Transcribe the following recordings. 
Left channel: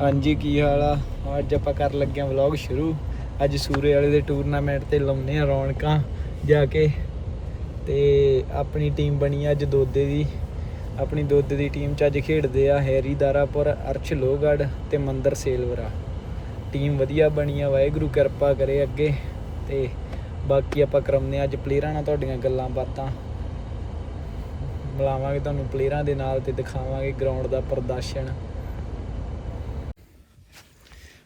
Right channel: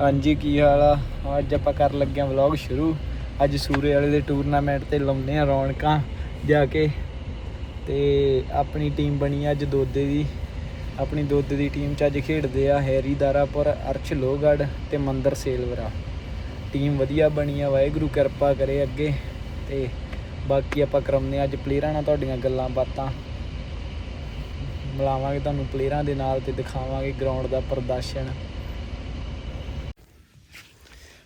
ਹਾਂਜੀ, ਕੀ ਹਾਲ ਆ? ਅੱਜ ਆਪਾਂ ਕਰ ਲੱਗੇ ਆਂ ਵਲੌਗ ਸ਼ੁਰੂ। ਅੱਜ ਸੂਰੇ ਵਾਲੇ ਦੇ ਟੂਰਨਾਮੈਂਟ ਤੇ ਲਾਉਨੇ ਆ ਰੌਣਕਾਂ ਜਾ ਕੇ। ਤੇ ਆਪਣੀ ਟੀਮ ਬਣੀ ਅੱਜ ਦੋਦੇ ਦੀ। ਆਪਣੀ ਦੋਦੇ ਦੀ ਟੀਮ ਚ ਅੱਜ ਖੇਡਦੇ ਆ ਹੈਰੀ ਦਾਰਾਪੁਰ, ਅਰਸ਼ ਲੋਹਗੜ ਤੇ ਮੰਦਰ ਸੇਲਵਰਾ। ਟੀਮ ਵਧੀਆ ਬਣੀ ਆ, ਵਾਹਿਗੁਰੂ ਕਿਰਪਾ ਕਰੇ ਅੱਗੇ। ਤੇ ਬਾਕੀ ਆਪਾਂ ਕਰਾਉਂਦੇ ਆ ਅੱਜ ਪਲੇਅਰਾਂ ਨਾਲ ਤੁਹਾਡੀਆਂ ਗੱਲਾਂ ਬਾਤਾਂ। ਮਿਲਾਵਾਂਗੇ ਤੁਹਾਨੂੰ ਪਲੇਅਰਾਂ ਦੇ ਨਾਲ ਤੇ ਦਿਖਾਵਾਂਗੇ ਗਰਾਊਂਡ ਦਾ ਪ੍ਰਦਰਸ਼ਨ।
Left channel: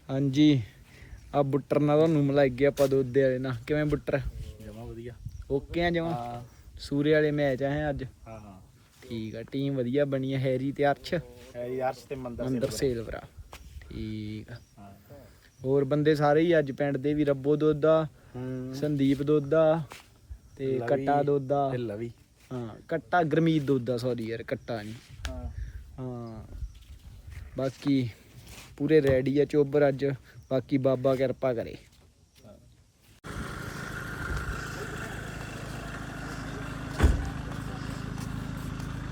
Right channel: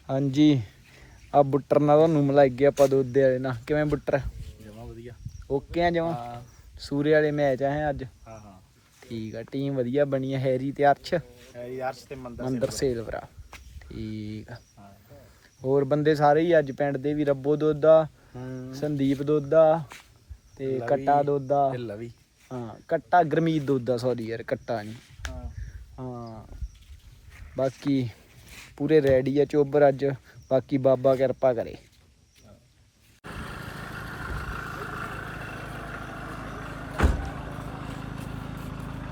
ਹਾਂਜੀ। ਆ ਬੁੱਟਰ ਨਾਲ ਤੁਹਾਨੂੰ ਮਿਲਾਈ ਗਿਆ ਆਪਾਂ ਦੁੱਧ ਵਾਲੇ ਨਾਲ। ਕਿਵੇਂ ਬੁੱਟਰ? ਜਮਾ ਵਧੀਆ। ਓਕੇ ਆ ਜਮਾ? ਹਾਂ। ਸੂਰੇ ਵਾਲੇ ਮੈਚ ਆ ਹੈ ਅੱਜ। ਹਾਂ ਹਾਂ। ਠੀਕ ਆ ਟੀਮ ਵਧੀਆ ਬਣੀ ਆ ਹੈਰੀ ਤੇ ਅਰਸ਼। ਹੈ ਯਾਰ ਤੇ ਮੰਦਰ ਮੰਦਰ ਸੇਲਵਰਾ। ਠੀਕ ਆ। ਹਾਂ। ਹੋਰ ਬੰਦੇ ਸਾਰੇ ਹੀ ਅੱਜ ਪਿੰਡ ਦੇ ਵੀ ਰੱਬੋ ਦੋਦਾ ਹੂੰ। ਸੰਦੀਪ ਦੋਦਾ ਤੇ ਕੱਟਾ ਦੋਦਾ ਤੇ ਲਵੀ। ਹਾਂ ਕੱਟਾ ਗਰਮੀਤ ਦੋਦਾ ਸੌਰੀ ਯਾਰ ਕੱਟਾ ਨਹੀਂ ਹਾਂ। ਹਾਂ। ਬਾਕੀ ਪੂਰੇ ਰੈਡੀ ਆ ਚੋਬਰ ਅੱਜ ਬਾਕੀ ਬਾਬਾ ਕਿਰਪਾ ਕਰੇ।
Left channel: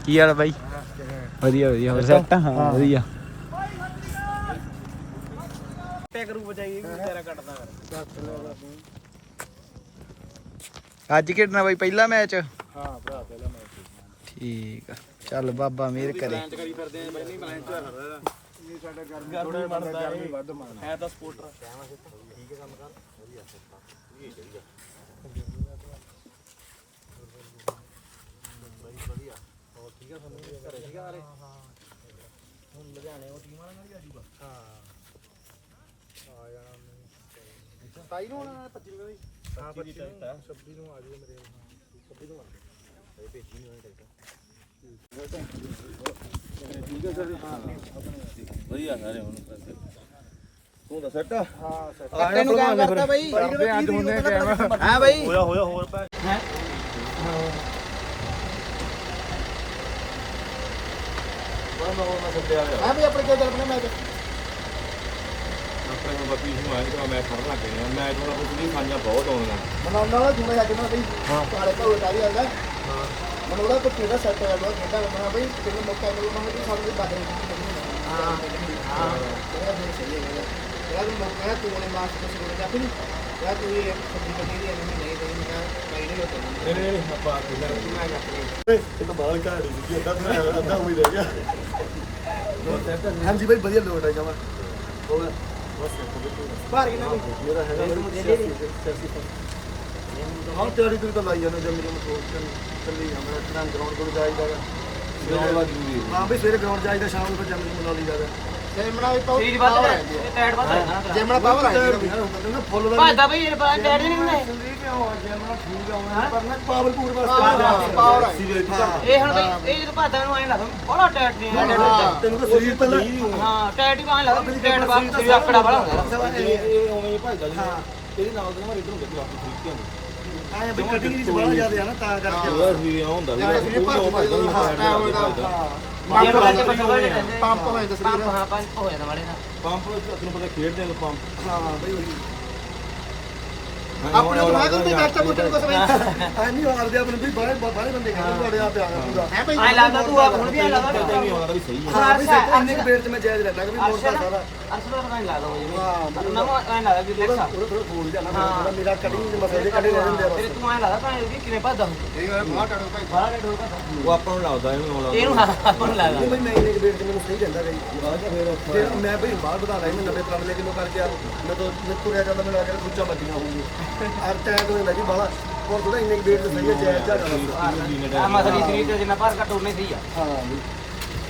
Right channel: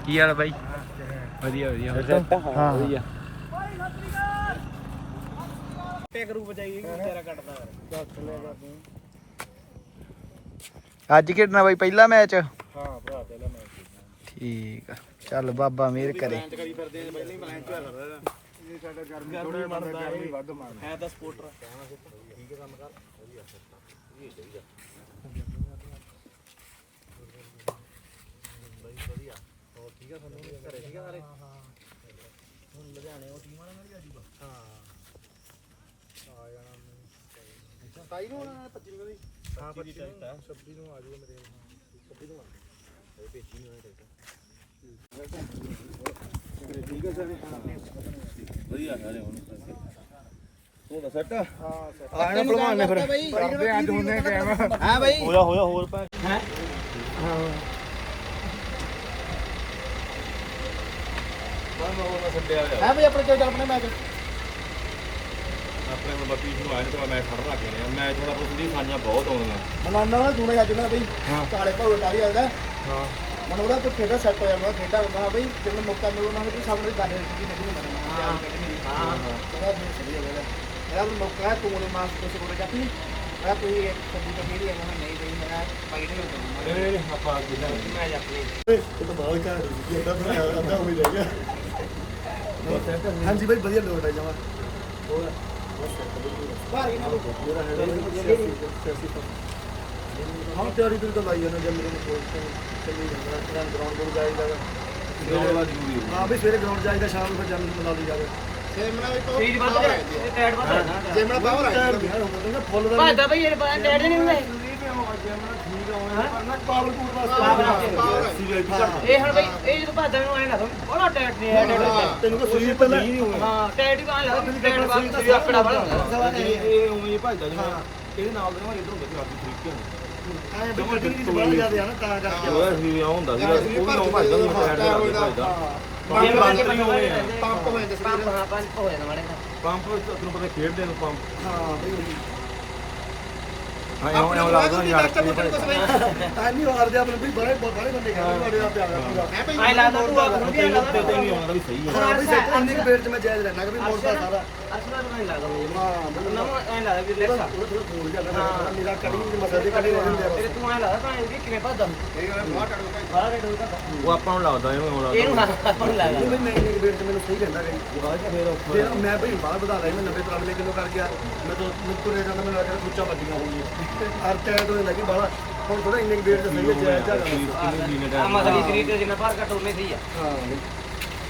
ਕੀ ਹਾਲ ਬਾਈ? ਵਧੀਆ ਵਧੀਆ। ਹੋਰ ਸੈੱਟ? ਸੈੱਟ ਹਾਂ। ਹਾਂ। ਵਧੀਆ ਤੇ ਕਰੂ ਬਚਾਈ ਤੇਰਾ ਕੱਟਦਾ ਕਰ। ਦੱਸ ਲੈ ਜਾ ਤੂੰ। ਅੱਜ ਖੇਡਣਾ ਬਾਈ ਪਹਿਲਾ ਮੈਚ? ਹਾਂ ਭਰਾ ਪਹਿਲਾ ਮੈਚ ਠੀਕ ਆ। ਚੱਲ ਬਾਬਾ ਮਿਹਰ ਕਰੇ। ਆ ਹੀ ਇਹ ਸਾਡਾ ਗਰਮੀ ਥੋੜਾ ਮੰਨਦਾ ਗਰਮੀ ਵੱਧ ਮੰਨਦਾ ਹੈ ਤਾਂ ਸਪੋਰਟਰ ਠੀਕ ਹੈ ਕੰਮ ਕਰ ਵਧੀਆ ਇਹ। ਚਾਹੀਦਾ ਵਧੀਆ ਹੋਰ ਠੀਕ ਹੈ ਸਾਨੂੰ ਘਰੇ ਠੀਕ ਆ ਹੁਣ ਲੁਧਿਆਣੇ ਉਹ ਟੀਮ ਵਾਲਾ ਨਾਲ ਹੀ ਆ ਜੂਗਾ ਹਾਂ ਆ। ਜਾਣਾ ਤਾਈ ਨੂੰ ਆਉਣਾ 25 ਨੂੰ ਦੀ ਹਾਂ 25 ਨੂੰ 26 ਨੂੰ ਆ ਜੂਗਾ ਮੇਰੇ। 26 ਨੂੰ ਆ ਇਹ ਭੇਜੀ ਨਹੀਂ ਹੋਇਆ ਠੀਕ ਹੈ ਸਰ। ਹਾਂ। ਵਧੀਆ ਸਾਰੇ ਹੁਣ ਤੂੰ ਤਾਂ ਸੈੱਟ ਹਾਂ ਸੈੱਟ ਆ ਜਾਣਾ ਭਲਵਾਨ ਨੇ ਫਿਰ। ਕਰਦੇ ਅੱਜ ਹੁੰਦੇ ਟਾਈਮ ਹਾਂ ਬਾਈ। ਹੋਇਆ ਹੋਇਆ ਹੋਰ ਪੈ। ਮੈਂ ਮੈਂ ਮੈਂ ਛੱਡਿਆ ਹੋਇਆ ਹਾਂ ਬਈ ਆਪਣੇ ਕੋਲ ਆਪਣਾ ਮੈਚ ਆਪਣੇ ਹੁਣ ਬੱਤੀ ਨੂੰ ਆਇਆ ਤਾਂ ਮੈਂ ਖੜਨ ਲੱਗ ਗਿਆ। ਮੈਂ ਥੋੜਾ ਪੁੱਛ ਦੀ ਖਾਣੀਆਂ ਬਹੁਤ ਆਉਂਦੀਆਂ ਮਨਾਉਣ ਵਾਲਾ ਥੋੜੇ ਅੱਜ ਨਾ ਬਈ ਕਾਲੇ ਭਾਵੇਂ ਕਾਲੀ ਹੁੰਦਾ ਹਾਂ ਮਨ ਉਹਦਾ ਕੋਈ ਖੇਡਾ ਸੈੱਟ ਹੋਇਆ ਮੈਂ ਖੇਡਾ ਲੰਮਾ ਬਈ। ਤੈਨੂੰ ਮੌਕਾ ਮਿਲਣਾ ਹੈ ਤੂੰ ਸਾਨੂੰ ਬਾਹਰ ਨਹੀਂ ਹਾਂ। ਨਹੀਂ ਨਹੀਂ ਨਹੀਂ ਆਪਾਂ ਦੂਜਾ ਮੈਂ ਜਾ ਕੇ ਇਹ ਤਾਂ ਬਾਹਰ ਘਰ ਦੀ ਅੱਧਾ ਤਾਂ ਅੱਧਾ ਉਮੀਦ ਰਹਿ ਗਿਆ ਹਾਂਜੀ ਬਾਈ ਵਧੀਆ ਲੋਟ ਆ ਜਾਵਾ ਹੋ ਗਿਆ ਬਸ ਸੈੱਟ ਬਿਲਕੁਲ ਬਾਹਰ ਮੇਰਾ ਹੈਗਾ ਬਾਈ ਹਾਂ ਤਿਆਰੀ ਤੂੰ ਤਾਂ ਲਾਈ ਜਾਣਾ ਜਦ ਮੇਰੇ ਨੂੰ ਚੱਲੀ ਜਾਂਦਾ ਇੱਕ ਟਾਈਮ ਗਰਾਊਂਡ ਤੋਂ ਜਾਈਦਾ ਗਰਾਊਂਡ ਹਾਂ ਬਈ ਸਵੇਰੇ ਗਰਾਊਂਡ ਜਾਈਦਾ ਸ਼ਾਮ ਨੂੰ ਫਿਰ ਜੰਮ ਨੂੰ ਮਿਲਾ ਲਈਦਾ ਜੇਮਣਾ ਵੀ ਪਾਵਰ ਚੀਜ਼ ਵੱਧ ਇਹ ਪੈਡ ਵੱਧ ਜੇਮਣਾ ਪਾਵਰ ਆ ਪਾਵਰ ਫੁੱਲ ਦਾ ਭਾਦਾ ਬਈ ਇਹ ਬਾਹਰ ਡੈਡ ਨਹੀਂ ਹੁੰਦਾ ਜੰਮਣਾ ਠੀਕ ਆ ਪਰ ਨਾ ਪਾਵਰ ਪੂਰ ਪਾਵਰ ਆ। ਵਾਸਤੇ ਇਹ ਹੁਣ ਬਈ ਇਹ ਜਦੋਂ ਭਾਦਾ ਨੂੰ ਆਏ ਨਾ ਬੜਾ ਟੈਟ ਨਹੀਂ ਟੈਟ ਤੈਨੂੰ ਤਾਂ ਸਰੀਰ ਪਹਿਲਾਂ ਹਾਂ ਟੈਟ ਹੀ ਮਾਨ ਲਾ ਟੈਟ ਬਾਅਦ ਵੀ ਆਕੜਾ ਬੜਾ ਹੁੰਦਾ। ਇਹ ਉਵੇਂ ਹੀ ਭਜਦਾ ਜਿਹੜਾ ਇਹਦੇ ਨਾਲ ਦੇ ਮਾਰੇ ਇਧਰੋਂ ਗੱਡੀ ਆਪਣੀ ਤਰੀਕੇ ਨੂੰ ਆਇਆ ਬਈ ਕਟਿੰਗ ਦੀ ਬੜਾ ਜ਼ਿਆਦਾ ਆ ਨਾ ਤਾਂ ਕਰਕੇ। ਵੀ ਆ ਹੁੰਦਾ ਸੀ। ਉਹ ਵੀ ਉਹ ਭਜਦਾ ਨਹੀਂ ਇਹ ਬੰਦ ਪੰਪ ਵੀ ਹੋਏ ਆ। ਪੰਪ ਹੋਏ ਤੇ ਪੰਪ ਹਾਂ ਪੰਪ ਹੋਏ ਨਾ ਵਾਲੇ ਪੰਪ ਤੁਹਾਨੂੰ ਪਤਾ ਖੇਡਦੇ ਆ ਪੰਪ। ਹਾਂ ਬਈ ਉਹੀ। ਆਪਣੇ ਬਣਾ ਦੂੰਗੀ ਬੈਸਟ ਬੁੱਟਰ ਕੁਛ ਆ ਨਹੀਂ। ਹਾਰਦੇ ਆਪਣੇ ਬਈ ਬੜੇ ਬੜੇ ਬੰਦੇ ਕਹਿੰਦੇ ਬੜੇ ਆ ਪਿਆ ਪੂਰਾ। ਹੈ ਬਈ ਆਈ ਲੱਗਦਾ ਤੂੰ ਆਪ ਹੁਣ ਵੀ ਆ ਲੱਗਦਾ ਤੇ ਵੀ ਆਉਂਦਾ ਵੀ ਸਹੀ ਹੈ ਇੰਨੇ ਚ ਮੈਂ ਜਾਇਜ਼ ਲੈਣਾ ਕਿ ਵੀ ਮੋੜਦਾ ਸਾਰਾ। ਅਰਸ਼ਨਾ ਪਤਾ ਨਹੀਂ ਲੱਗਦਾ ਮੈਨੂੰ। ਹਾਂ ਬਈ ਨਾ ਐਂ ਲੱਗਦਾ ਵੀ ਉਹਦਾ ਲੈਸਾ ਉਹਦਾ ਥੋੜਾ ਫੋਲ ਜਾਂਦਾ ਮੇਰਾ ਮੇਰਾ ਕਟਿੰਗ ਦੇ ਮਸਲੇ ਦੇ ਕੱਢੇ ਰਹਿ ਜਾਂਦੇ ਆ ਤੇਰੇ ਬਸ ਤੂੰ ਐਂ ਲੱਗਦਾ ਭਾਵੇਂ ਵੀ ਕਿਵੇਂ ਭੱਜਦਾ ਇਹ ਬਾਹਰ ਟਾੜੋ ਭਾਈ। ਬਾਹਰ ਰੇਡ ਹੋਊਗਾ ਉਹ ਆਪਾਂ ਨੂੰ ਲੱਗਦਾ ਇਹਨੂੰ ਲੱਗਦਾ। ਇਹਨੂੰ ਹਾਂ ਆਪਾਂ ਨੂੰ ਨਹੀਂ ਲੱਗਦਾ ਬਈ ਮੈਂ ਇੰਨੇ ਕੁ ਵੇਟ ਚ ਮੈਨੂੰ ਸਹੀ ਰਹਿੰਦਾ ਗਈ ਬਾਅਦ ਚ ਫੇਰ ਫਿਰ ਮੈਂ ਬਈ ਬਾਹਰ ਵਧਾ ਰਿਹਾ ਮੈਂ 90 93 ਕਿਲੋ ਕਰ ਗਿਆ ਮੈਂ ਤੋਂ ਮੈਂ ਤੁਰਿਆ ਜਾਂਦਾ ਮੈਨੂੰ ਲੱਗਦਾ ਖੁੱਚਾ ਵੱਜੀਆਂ ਹੋਈਆਂ ਅਰ ਟੈਟ ਹੋ ਜਾਂਦਾ ਕਿ ਬਾਹਲਾ ਹੁਣ ਥੋੜਾ ਇੰਨੇ ਕੁ ਵੇਟ ਚ ਸਹੀ ਹੈ ਜਾਇਜ਼ ਜਾ ਵੀਨੇ ਆ ਮਸਲੀ ਸਰੀਰ ਤੇ ਜਿੰਨਾ ਭਾਰ ਘੱਟ ਉਹਨੇ ਸਹੀ ਆ। ਹਾਂ।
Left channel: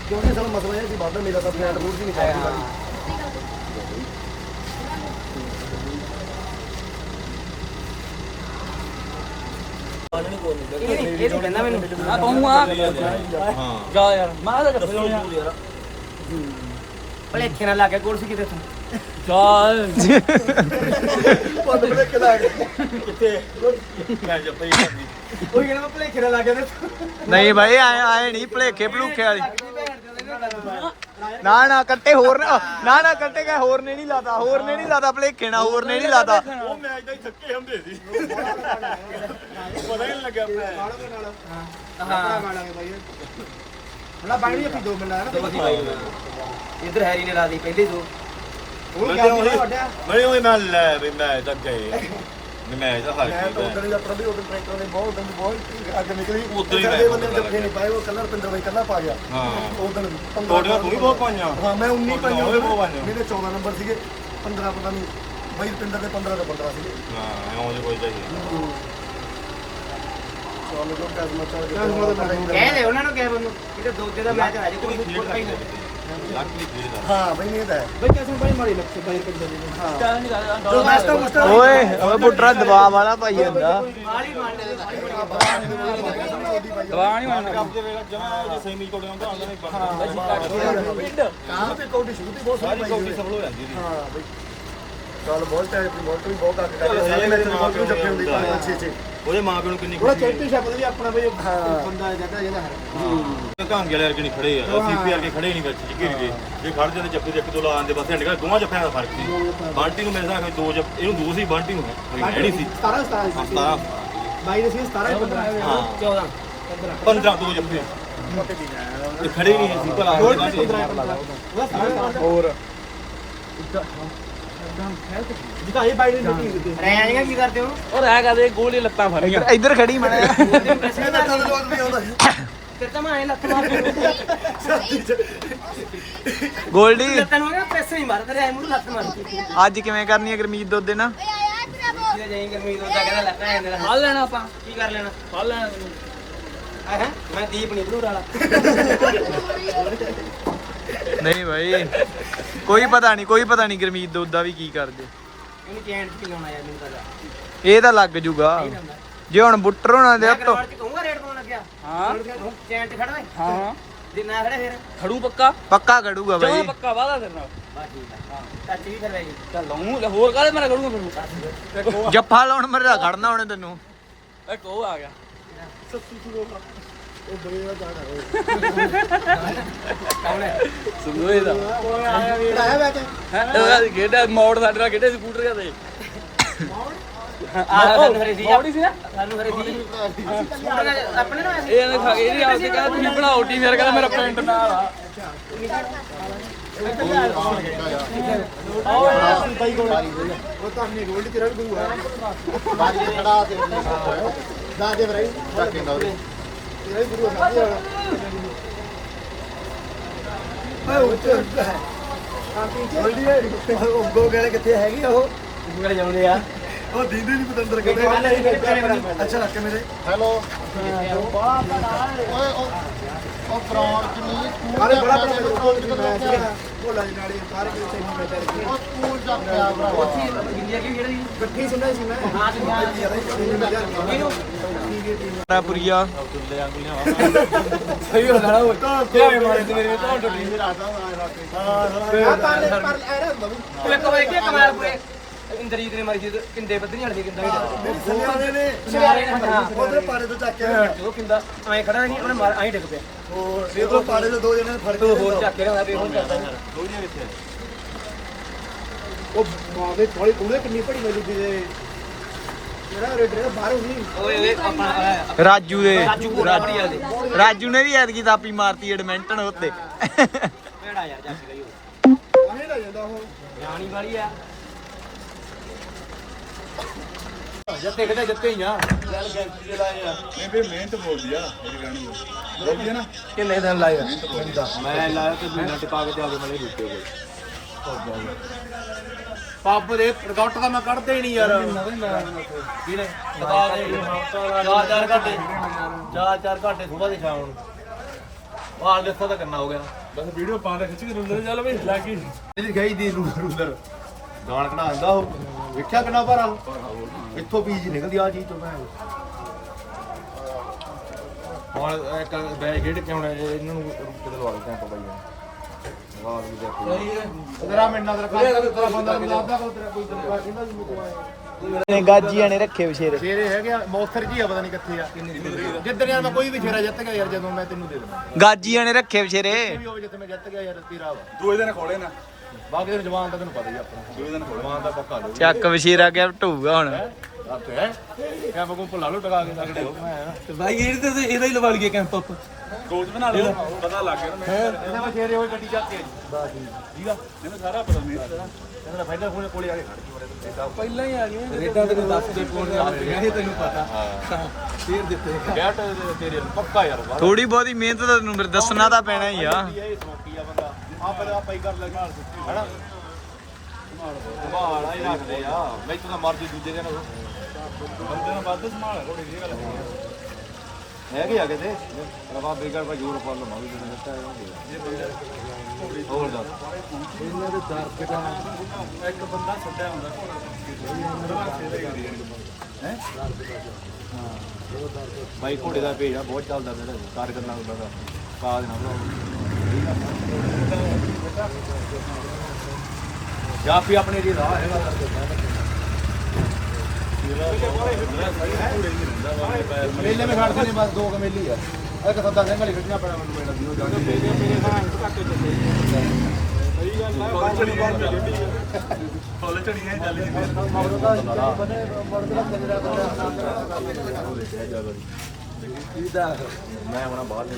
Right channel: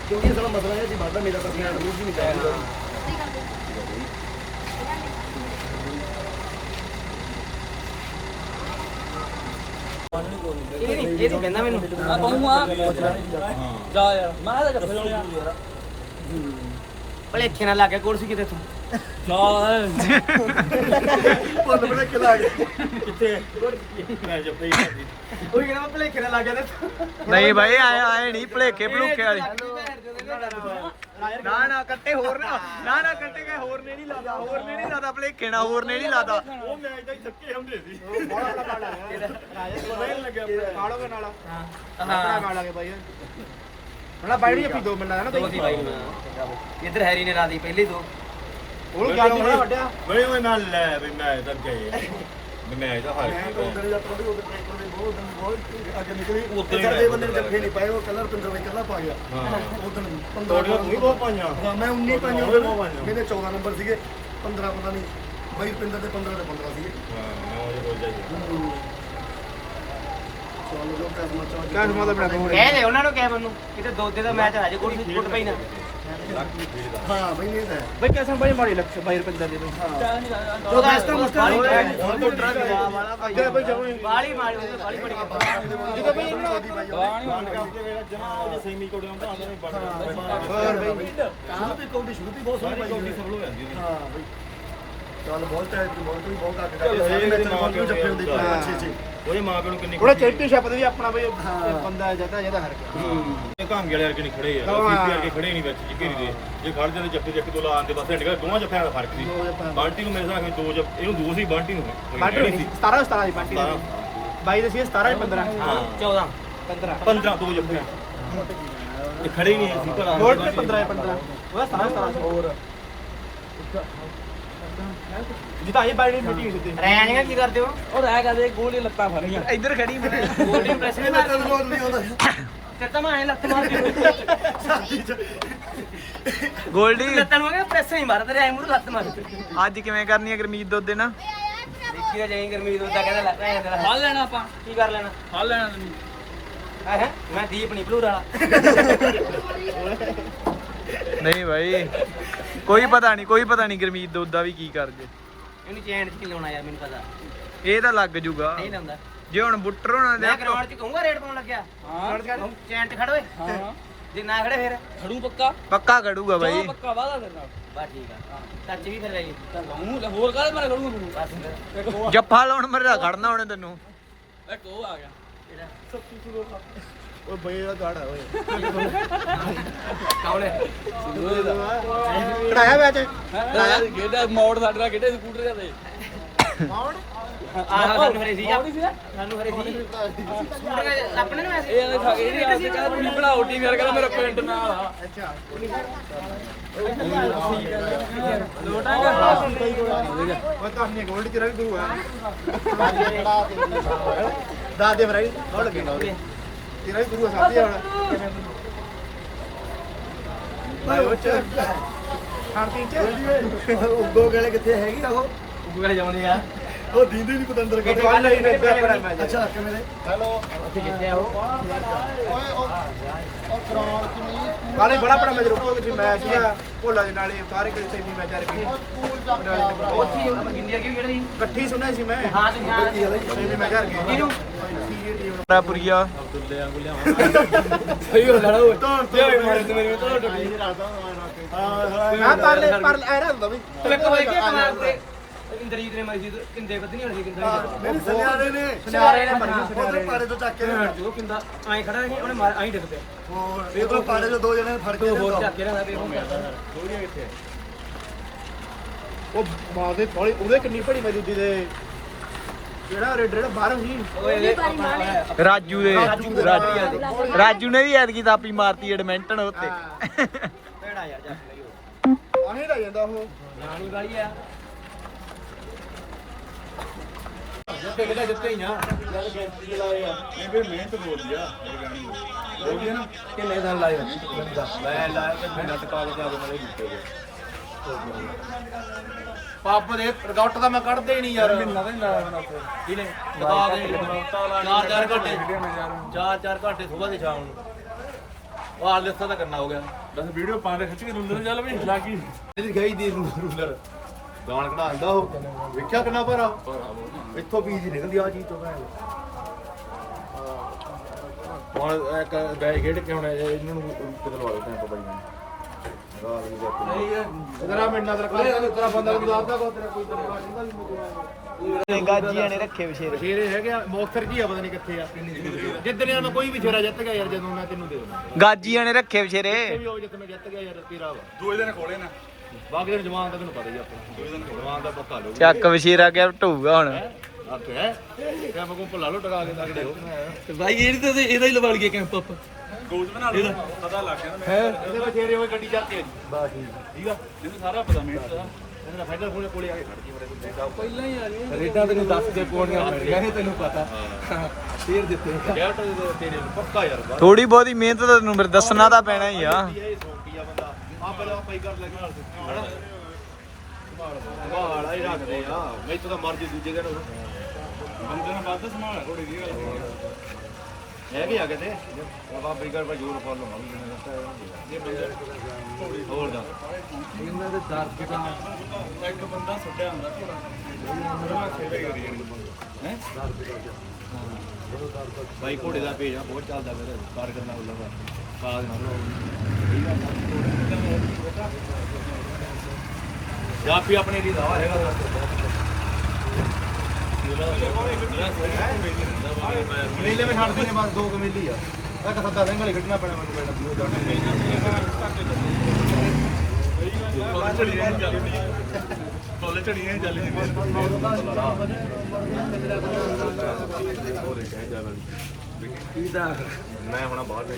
ਕਿਉਂਕਿ ਸਾਡਾ ਮਸਲਾ ਇਹ ਸੀ ਵਾਧਾ ਮੇਰਾ ਤਾਂ ਫੈਟ ਰੂਟ ਵੀ ਨਹੀਂ ਚੱਲਦੀ ਬਾਈ ਇਹ ਨਹੀਂ ਇਹ ਨਹੀਂ ਕਹਿੰਦਾ ਮੈਨੂੰ। ਹਾਂ। ਜਾ ਯਾਰ ਮਾਰਾ ਦਾ ਦੱਸੋ। ਯਾਰ। ਭਲੇਖੇ ਨਾਲ ਲੱਗ ਗਿਆ ਕੁਰਸੀ ਕਿਤੇ ਤੋਂ ਕੇ ਮੈਂ ਉਹ ਭਲੇਖੇ ਨਾਲ ਲੱਗ ਗਿਆ ਨਹੀਂ ਭਾਈ ਆਏ ਆਏ ਨਹੀਂ ਭਲੇਖੇ ਭਲੂਖੇ ਵਾਲੀ। ਨਾ ਨਾ ਕੱਟੇ ਹੋਰ ਨਾ ਨਾ ਨਾ ਕੱਟੇ ਕਾ ਹੋਰ ਨੇ ਨਹੀਂ ਲਾਦਾ ਹੋਰ ਨੇ ਨਹੀਂ ਲਾਦਾ ਭਲੇਖੇ ਨਾ ਹੋਰ ਨੇ ਨਹੀਂ ਲਾਦਾ। ਉਹ ਮੈਚ ਦਾ ਹੀ ਥੱਕੇ ਹੁੰਦੇ ਸੀ। ਪਤਾ ਹੀ ਨਹੀਂ ਲੱਗਿਆ ਹਾਂ। ਗਾਲਾਂਗੇ ਬਾਈ। ਹਣਾ ਬਾਈ ਨਹੀਂ ਦੋ ਮਿੰਟ ਨਾ ਦੋ ਸੀ ਬਾਈ ਨੂੰ ਇੱਧਰ ਹੈਰੀ ਨੇ ਲਾ ਦੀ ਪਹਿਲੇ ਦੋ। ਉਹ ਕਿਆ ਹੋਣਾ ਵੱਡਿਆ? ਮੈਂ ਉਹ ਨਾਲ ਲੈ ਵੀ ਮੈਂ ਤਾਂ ਗਏ। ਮੈਂ ਤਾਂ ਹਾਰ ਮੈਂ ਤਾਂ ਉਦੋਂ ਹੀ ਆਪਣਾ ਵੀ ਉਦੋਂ ਟਰੈਕਟਰ ਨੇ ਬਹੁਤ ਉਦੋਂ ਵੀ ਬਹੁਤ ਅੱਗੇ ਨਿਕਲੀ। ਉਦੋਂ ਹੀ ਮੈਂ- ਬੰਦੇ ਨੇ ਜੱਫੇ ਨਹੀਂ ਪਾਏ ਉਹ ਕਲਰ ਪਿੰਦਰ ਬਾਈ ਕੱਲਾ ਪਾ ਗਿਆ। ਹਾਂ। ਉਦੋਂ ਵੀ। ਤੁਹਾਡੀਆਂ ਤੂੰ ਵੀ ਬਹੁਤ ਪਾਈਆਂ। ਹਾਂ ਮੈਂ 19 ਪਾਈਆਂ ਵੀ। ਮੇਰੇ 14 ਨੰਬਰ ਸੀਗੇ। 15 ਪਤਾ ਨਹੀਂ ਬਾਈ ਰੁਪਿੰਦਰ ਦੇ 15 ਦੇ 15 ਸੀਗੇ। ਹਾਂ ਉਹ ਜੇ ਕੋਈ ਚਾਹੀਏ ਚੱਲ ਜੋ ਕੈਸਮਾ ਚਾਹ ਜੋ ਕਹਿ ਦੇ ਉਹਨਾਂ ਨੂੰ ਕਹਿ ਬੰਨੂ ਕਿਤੇ ਦੋਦੇ ਦਾ ਮੈਚ ਆ ਜੇ ਕੋਈ ਫੁੱਟ ਪਈ ਨਾ। ਹਾਂ ਬਈ ਨਹੀਂ ਤਾਂ। ਹੈ ਬਈ ਕਿਸਮ ਬੜੀ ਮਾੜੀ ਲੱਗੇ ਬਾਈ ਰੁਪਿੰਦਰ ਦੇ ਹਾਂ। ਜੋ ਮੈਸਟਾ ਮੁਸਟਾ ਓਏ ਓਏ ਬੁੱਟਰਾ ਦਬਾਅ ਵਾਲਾ ਪਾਈ ਜਾਂਦਾ ਬਾਲੀ ਮਾਰੀ ਬਾਲੀ ਬੜੀ ਜਮਾ ਜੇ ਸੇਮੀ ਕੋੜੇ ਆਉਂਦੇ ਆਉਂਦੇ ਨਹੀਂ ਬੜਾ ਸ਼ੁਰੂ ਤੇ ਕੌਡੀ ਸ਼ੁਰੂ ਤੇ ਬਹੁਤ ਸੋਹਣੀ ਪਾਈ ਕੋਟੀ ਹੋਈ ਸਭ ਲੋ ਜਾਂਦੀ ਹਾਂ ਬਈ। ਚੱਲ ਬਹੁਤ ਟਾਈਮ ਤੇ ਬਹੁਤ ਵੀ ਬਹੁਤ ਕੱਕ ਕਰਦੇ ਸਾਰੇ ਮੈਚ ਦੇ ਬਹੁਤ ਨੂੰ ਜੱਫੇ ਹੁੰਦੀ ਪੰਜ ਪੰਜ ਛੇ ਛੇ ਉਹਦੇ ਮਾਂ ਪਿਓ ਨੂੰ ਕਿੰਨੀ ਉਹਨੇ ਚੈਂਪੀਅਨ ਸ਼ਿਪ ਦਾ ਵੀ ਆਪਣਾ ਬਈ ਬੰਦਾ ਜਗ੍ਹਾ ਜਿਹਦਾ ਹਰ ਕਾਂਗੇ ਵਾਲੇ ਵਰਗੇ ਨਹੀਂ ਖੜੇ ਆ। ਸੀਪੀ ਵਰਗੇ ਖੜੇ ਨਹੀਂ ਵਿੱਚ ਜਿੱਪੀ ਦੇ ਜੇ। ਖੜਦੇ ਨੇ ਜੱਫੇ ਦੇ ਇੱਕ ਦੋ ਲਾਣ ਦੇ ਬਸ ਨਿਕਲ ਦੋਵਾਂ ਜੱਫਿਆਂ ਦਾ ਫ਼ਰਕ ਸੀ। ਬਾਲਟੀ ਨੂੰ ਮੇਰੇ ਨਾਲ ਦੋ ਜੱਫ ਇਹਨੂੰ ਦੋ ਸੀ ਬਾਲਟੀ ਨੂੰ ਜਿਹੜੀ ਸੀ। 17 17 ਸਤਾਰਾਂ। ਬਾਈ ਦੇ ਸੀ 17 15 ਹਾਂ। 14 15 ਦੋ ਜੱਫੇ। ਇਹ ਖੜੇ ਹੀ ਨਹੀਂ ਸੀ ਭਲਾ 15 15 ਉਹਦਾ 17 17 ਹੋਰ। ਜਿੱਦਾਂ ਇਹ ਬਾਈ ਦੀ ਮੀਟਿੰਗ ਕੀਤੀ ਰੈਣੀਆਂ ਕੀ ਕਰਦੇ ਹੋ? ਉਹ ਰਹਿ ਕਰਦੇ ਗੋਲੀ ਲੱਤਾਂ ਫੜ ਇੱਧਰ ਇੱਧਰ ਖੜੀ ਮੈਂ। ਗੋਲਡੀ ਪ੍ਰੈਸ ਨਹੀਂ ਮਾਰਦੀ ਵੀ ਆਉਂਦਾ ਸੀ। ਤੇ ਤਾਂ ਮੈਂ ਲੱਤ ਮਾਰ ਗੋਲਡੀ। ਲੱਤਾਂ ਨੂੰ ਪ੍ਰੈਸ ਨਹੀਂ ਮਾਰਦਾ ਰੈ ਮੂਰ ਲੱਤ ਮਾਰ। ਅੱਜ ਕਿਵੇਂ ਕਰਨੀ ਹੈ ਗਰਮੀਤ ਦੁੱਧ ਦੇ ਨਾ ਦੇਖੀ ਤਾਂ ਜਾਈ ਗਰਮੀ ਤੋਂ ਕਹਿੰਦਾ ਲੱਤਾਂ ਜਾਂਦਾ ਫੜ ਲੈਣਾ ਆਪਾਂ। ਕੀ ਕਰ ਲੈਣਾ? ਫੜ ਲੈਣਾ ਤੈਨੂੰ। ਹੈ ਹੈ? ਮੈਂ ਦੀਪ ਨਹੀਂ ਵਾਲਾ। ਨਹੀਂ ਭਾਈ ਕੋਈ ਪਤਾ ਨਹੀਂ ਕੋਈ ਪਤਾ ਨਹੀਂ ਗਰਮੀਤ ਦਾ ਵੀ ਕੀ ਕਰਦੇ। ਇਹਨੂੰ ਚੈਨ ਚ ਲਾਉਣਾ ਯਾਰ ਮੈਨੂੰ ਪਤਾ ਇਹ ਤਾਂ ਲੱਗ ਜੂਗਾ। ਨਹੀਂ ਲਾਉਂਦਾ। ਜੇ ਹੁਣ ਬੁੱਟਰ ਹੋਣਾ ਦੇ ਮੈਂ ਕਰਵਾੜ ਚ ਕਹੂੰਗਾ ਰੇਟ ਪਾਉਣ ਲੱਗਿਆ। ਹਾਂ। ਚੈਨ ਚ ਖੜ ਓਏ। ਹਾਂ। ਜੇ ਨਾ ਖੜੇ ਫਿਰ। ਖੜੂ ਪੱਕਾ? ਪੱਕਾ ਖੜੂਗਾ ਭਾਈ ਪੱਕਾ ਵਾਦਾ ਦੇਣਾ ਬਸ ਠੀਕ ਆ ਟੱਚ ਵੀ ਫਿਰ ਰਹੀ ਚੱਲ ਲਾਉਂ ਹੋਰ ਕਾਹਦੇ ਮੇਰਾ ਖੜੂ ਤੈਨੂੰ ਬਸ ਜੱਫਾ ਲਾਉਣ ਮਰਦਾ ਖੜਨਾ ਉਹਨੇ ਤੈਨੂੰ। ਇੱਕ ਉਹ ਆ ਗਿਆ। ਬਈ ਦਾ ਗਾਣਾ ਸੁਣੋਏ ਦਾ। ਕਢਾਇਆ ਵਿੱਚ ਹੈ? ਗੇੜਾ ਮੋੜ ਸਾਡੇ ਨਾਲ ਗੇੜੇ ਸਕੂਟਰ ਦੇ ਆਹ ਸਾਨੂੰ ਹਰੇ ਸੀ ਸਾਨੂੰ ਹਰੇ ਸੀ ਸਕੂਟਰ ਆਪਣੇ ਨੂੰ ਐਸੀ ਇਹ ਖਾ ਇਹ ਨਹੀਂ ਆਉਂਦੇ ਕਹਿੰਦਾ ਤੁਸੀਂ ਬਣਾਓ ਟੀ ਮੇਰਾ ਕਹਿੰਦਾ ਮੇਰਾ ਪਿੰਡ ਨਾਲ ਆ। ਬਾਈ ਕੋਲ ਉਹ ਤਾਂ ਨੇ ਗੋਲਡ ਤੇਰਾ ਵੀ ਗੁਰੂ ਆ ਬਾਜੀ ਖੜਾ ਤੇ ਦਾ ਦੇ ਬਰਾਈ ਤੇਰਾ ਵੀ ਗੁਰੂ ਸਾਡੀ ਵਾਲਾ ਓਏ ਉੱਚ ਗੋਲਡੀ ਉਹ ਗੋ ਗਲੇ ਕਿੱਥੇ ਹੈਗੀ ਆ ਉਹ? ਗੂਗਲ ਜਾਉਂਦੇ ਆ। ਉਹ ਦੀਦੀ ਨਹੀਂ ਪਤੰਦਰ ਕਿੱਥੇ ਬਣੀ ਅੱਛਾ ਕਿ ਮੇਰੇ। ਹੈਲੋ। ਕਿੱਥੇ ਆ ਉਹ? ਕਾਲੇ ਬੜਾ ਬੜਾ ਮੇਰੇ ਕੋਲ ਵੀ ਮੈਂ ਸੀਗਾ। ਭੋਲਾ ਦੇ ਨਾਲੇ ਸਾਰੇ ਕਿਤੇ ਨਹੀਂ ਮੈਂ ਚਾਰੇ ਉੱਥੇ ਹੀ ਗਿੰਦਿਆ ਕਿਉਂ ਜਿਹੜੀ ਇਕੱਠੀ ਸੁਣਿਆ ਸੀ ਮੈਂ। ਹਾਂ ਤੇ ਹਾਂ। ਇਹਨੂੰ ਪੁਰੀਆ ਸਹੀ ਹੋ ਲੈਣਾ ਉਹ ਧਿਆਨ ਮਾਰੇ ਤੇ ਮੇਰੇ ਤੋਂ ਟੁੱਟੀ ਹਾਂ ਪਰ ਪਰ ਐ ਰੱਖਦਾ ਵੀ ਤੂੰ ਇੱਕ ਵਾਰ ਕਿ ਕਮਾਲਪੁਰੇ ਇੰਦਰੀਤ ਨੇ ਮਾਰੀ ਸੀ ਤੇ ਕਿੰਦੇ ਬੱਧਨੀ ਵਾਲੀ ਸੀ ਕਿੰਦਾ ਮੇਰੀ ਸੁਨਿਆਰੇ ਨੇ ਸੁਨਿਆਰੇ ਨੇ, ਹਾਂ। ਉਧਰ ਪਾੜੇ ਤੋਂ ਚੱਕ ਕੇ ਉਹ ਕਿੰਦਾ ਐਂ ਖੜਾ ਸੀ ਉਹਨੇ ਮਾਰ ਐਂ ਡਿੱਗ ਪਿਆ ਹੋਰ ਇਹ ਤੋਂ ਪਾੜੇ ਤੋਂ ਦੋ ਜਣੇ ਫੜ ਕੇ ਹੋਰ ਚੱਕ ਕੇ ਰਹਿਣਾ ਤੇ ਹੁਣ ਕਰਦਾ ਉਹ ਮਾਂ ਦੇ ਥੋੜੀ ਉਹਦੇ ਕਿੰਨੀ ਭੜੀ ਵਜੂ ਦੇ ਜਿਹੜਾ ਰੇਡਰ ਬਾਹਰ ਸੀ ਓਏ ਇਹ ਆਪਣਾ ਰਾਜੂ ਦੇ। ਰਾਜੂ ਨੇ ਵੀ ਐਤਕੀ ਤਾਪੀ ਮਾਰਤੀ ਐਡਮਿੰਟਨ ਉੱਤੇ। ਕਿਹੜਾ ਯਾਰ ਜੱਸ ਲਈ ਉਹ ਆਹੇ ਲੱਗ ਜਾਂਦਾ ਉਹ। ਰਾਣੀ ਵਾਲੀ ਆ। ਜੱਤੇ ਖੜੇ ਜੱਤੇ ਹੀ ਆ। ਨਹੀਂ ਵੀ ਮਿਹਨਤ ਬੋਲਦੀ ਆ ਇਹ ਗਾਣੀ ਬੋਲਦੀ ਆ ਨਾ। ਕਿੰਨੇ ਦਿਨ ਮੈਂ ਲਾਇਆ ਤੇ ਮਹੀਨਾ ਟਿਕਾ ਕੇ ਜਾ ਕੇ ਮੇਰੇ ਰੁਕੇ ਗਏ ਪੱਪ ਦੇ ਪ੍ਰਗਟ ਤਾਂ ਮੈਂ ਕੱਢਦੇ ਨਹੀਂ ਯਾਰ। ਚਾਰ ਚਾਰ ਘੰਟੇ। ਚਾਰ ਚਾਰ ਘੰਟੇ ਸਵੇਰ ਦੇ ਸ਼ਾਮ ਨੂੰ। ਵਾਲ ਲਿਸਤਾ ਤਾਂ ਕਰਨਾ ਹੋ ਗਿਆ। ਬਸ ਵੀਡੀਓ ਪਾ ਦੇ ਖਿੱਚ ਕੇ ਰੁੰਦਰ ਚੱਲ ਵੇ ਲੱਗੀ ਇਹਦੀ ਗਈ ਦੀ ਰੂਲਰ। ਦਾਣ ਕਢਾ ਆਂਦਾ ਉਹ। ਵੇਖਿਆ ਕਿੰਨਾ ਭਾਰਾ? ਇੱਥੋਂ ਬੀਜ ਨਿਕਲਦੀ ਆ ਜੀ ਤੋਂ ਮੈਂ। ਹੁਣ ਇੱਕ ਬੈਗ ਗੇੜ ਕੇ ਹੁਣ ਇਹਨਾਂ ਨੂੰ ਕਿਤੇ ਲਵਾ ਦਿੰਦੇ ਆਪਾਂ ਬਾਈ ਨੂੰ। ਤੇਰਾ ਮਿੰਨਾ ਤੇਰਾ ਖਾ ਤੇਰਾ ਬੰਦਾ ਮੈਨੂੰ ਲੱਗਦਾ ਕੋ ਤੇਰਾ ਕੋਈ ਤੇਰਾ ਕਿੰਦਾ ਵੀ ਮੈਨੂੰ ਗਾਜੀਆਂ ਨੇ ਰੱਖੇ ਵਿਸ਼ੇਰੇ ਸ਼ੇਰੇ ਹੈਗੇ ਆ ਮੌਕਸਰ ਜੀ ਆ ਪਤਾ ਨਹੀਂ ਕਿੱਥੇ ਆ। ਜਿੱਦਣ ਯਾਰ ਮੈਂ ਕੋਈ ਵੀ ਸ਼ੇਰਾ ਜਿੱਤ ਗਿਆ ਯਾਰ ਜਦੋਂ ਮੈਂ ਤੈਨੂੰ ਦੇ ਦੇਣਾ ਗਾਜੀਆਂ ਨੇ ਰੱਖੇ ਵਿਸ਼ੇਰੇ ਵੀ ਹੋਵੇ ਜਿੱਥੇ ਮੈਂ ਜਿੱਤ ਗਿਆ ਯਾਰ ਤੇਰਾ ਵਾ। ਦੋ ਦਿਨ ਖੋਲੇ ਨਾ ਬਾਕੀ ਦਿਨ ਜਵਾਨ ਤਾਂ ਤੈਨੂੰ ਪਤਾ ਹੀ ਆਪਣਾ। ਦੋ ਦਿਨ ਜਮਾਨ ਦਾ ਪੱਕਾ ਲਓ ਚੱਕ ਵਿਸ਼ੇਰਾ ਗਿਫਟ ਹੋਊਗਾ ਹੁਣ। ਆਪੇ ਕਿਆ ਬਗੋ ਭੁੱਲਾ ਲੋ ਟਕਾ ਕੇ ਲੱਗਦੇ ਹੋ। ਤੇ ਭਾਈ ਇਹਦੇ ਤੇ ਇਹਦਾ ਹੀ ਲਵਾ ਲਈਏ ਕੈਂਪ ਆਪ। ਕੋਚ ਬਣਾ ਲਓ ਪਤਾ ਲੱਗ ਗਿਆ ਨਾ ਮੈਂ ਇਹਦੇ ਬਚੇਰੇ ਹੋਏ ਗੱਡੀ ਚੱਲਦੀ ਹੈ ਬਸ ਠੀਕ ਆ? ਮੈਨੂੰ ਸਾਰਾ ਪਤਾ ਮਿਹਨਤ ਦਾ ਇਹਦਾ ਫਾਇਦਾ ਕੋਲੇ ਕੋਲੇ ਆ ਕੇ ਖੜ ਗਈ ਮਰੇ ਤੂੰ ਦੇਖਾ ਪਹਿਲਾਂ ਹੀ ਆ ਗਈਆਂ। ਰੇਟਾਂ ਤੈਨੂੰ ਦੱਸ ਦੇ ਪੂਰੀਆਂ ਮਿਲ ਗਿਆ ਇਹ ਤੈਨੂੰ ਪਤਾ। ਹਾਂ। ਫੇਰ ਦਿੱਤੇ। ਗੈਟ ਤੇਰੇ ਨੂੰ ਪੱਕਾ ਯਾਰ ਬਾਹਰ ਥੋੜੀ ਬਹੁਤੀ ਮਿਹਨਤ ਤਾਂ ਤੈਨੂੰ ਫਿਰ ਦੱਸਣਾ ਤਾਂ ਪੈਣਾ ਹੀ ਆ। ਇਹ ਸੌਂਕੀ ਆ ਬੰਦਾ। ਆ ਪਹਿਲਾਂ ਪਾਈ ਕਰ ਲੈ ਨਾਲ ਹਣਾ ਸੰਭਾਲ ਆਈ ਰੱਖਦੇ ਆ। ਮੈਂ ਤਾਂ ਮਰਜ਼ੀ ਦੂਜੇ ਦਿਨ ਬੰਦੇ ਨਾਲ ਵੱਧ ਸੰਭਾਲ ਥੋੜੀ ਜੀ ਗੱਲ ਹੈਗੇ ਆ ਕਿਤੇ ਬਾਬਾ ਬੇਗਰ ਪਰ ਜੋਰ ਪਾ ਲਵਾਂ ਵੀ ਜਣੇ ਦਿੱਤਾ ਜੇ ਬੰਦੇ ਹੋਰ ਦਾ ਇਹਨਾਂ ਦੇ ਦਰ ਕਿਟਾ ਇੱਕ ਬੰਦਾ ਛੱਡਿਆ ਹੁੰਦਾ ਹੈ? ਬਾਈ ਘੋੜੇ ਦਾ ਪੇਜ ਆ ਬਹੁਤ ਚੱਲਦਾ ਮੇਰੇ ਕਾਰ ਕਰਨਾ ਉਹਨਾਂ ਦਾ। ਪਾ ਦੇਣਾ ਠੀਕ ਆ। ਜਾਂ ਵੀ ਆਪਣੇ ਲਈ ਰਾਹ ਹੈਗਾ ਮੇਲੇ ਵਿੱਚ ਖੜਦੇ ਨੇ ਬਸ ਦੋ ਕਮੇਲੀ ਆ। ਇੱਕ ਸੱਦਾ ਸਿੰਘ ਵਾਲੀ ਖੜਨਾ ਪੈਣਾ ਮੈਨੂੰ ਪੈਣਾ ਵੀ ਉਹ ਜਾਂਦੀ ਮੈਂ ਹੁਣ ਬਾਹਰ ਲੈ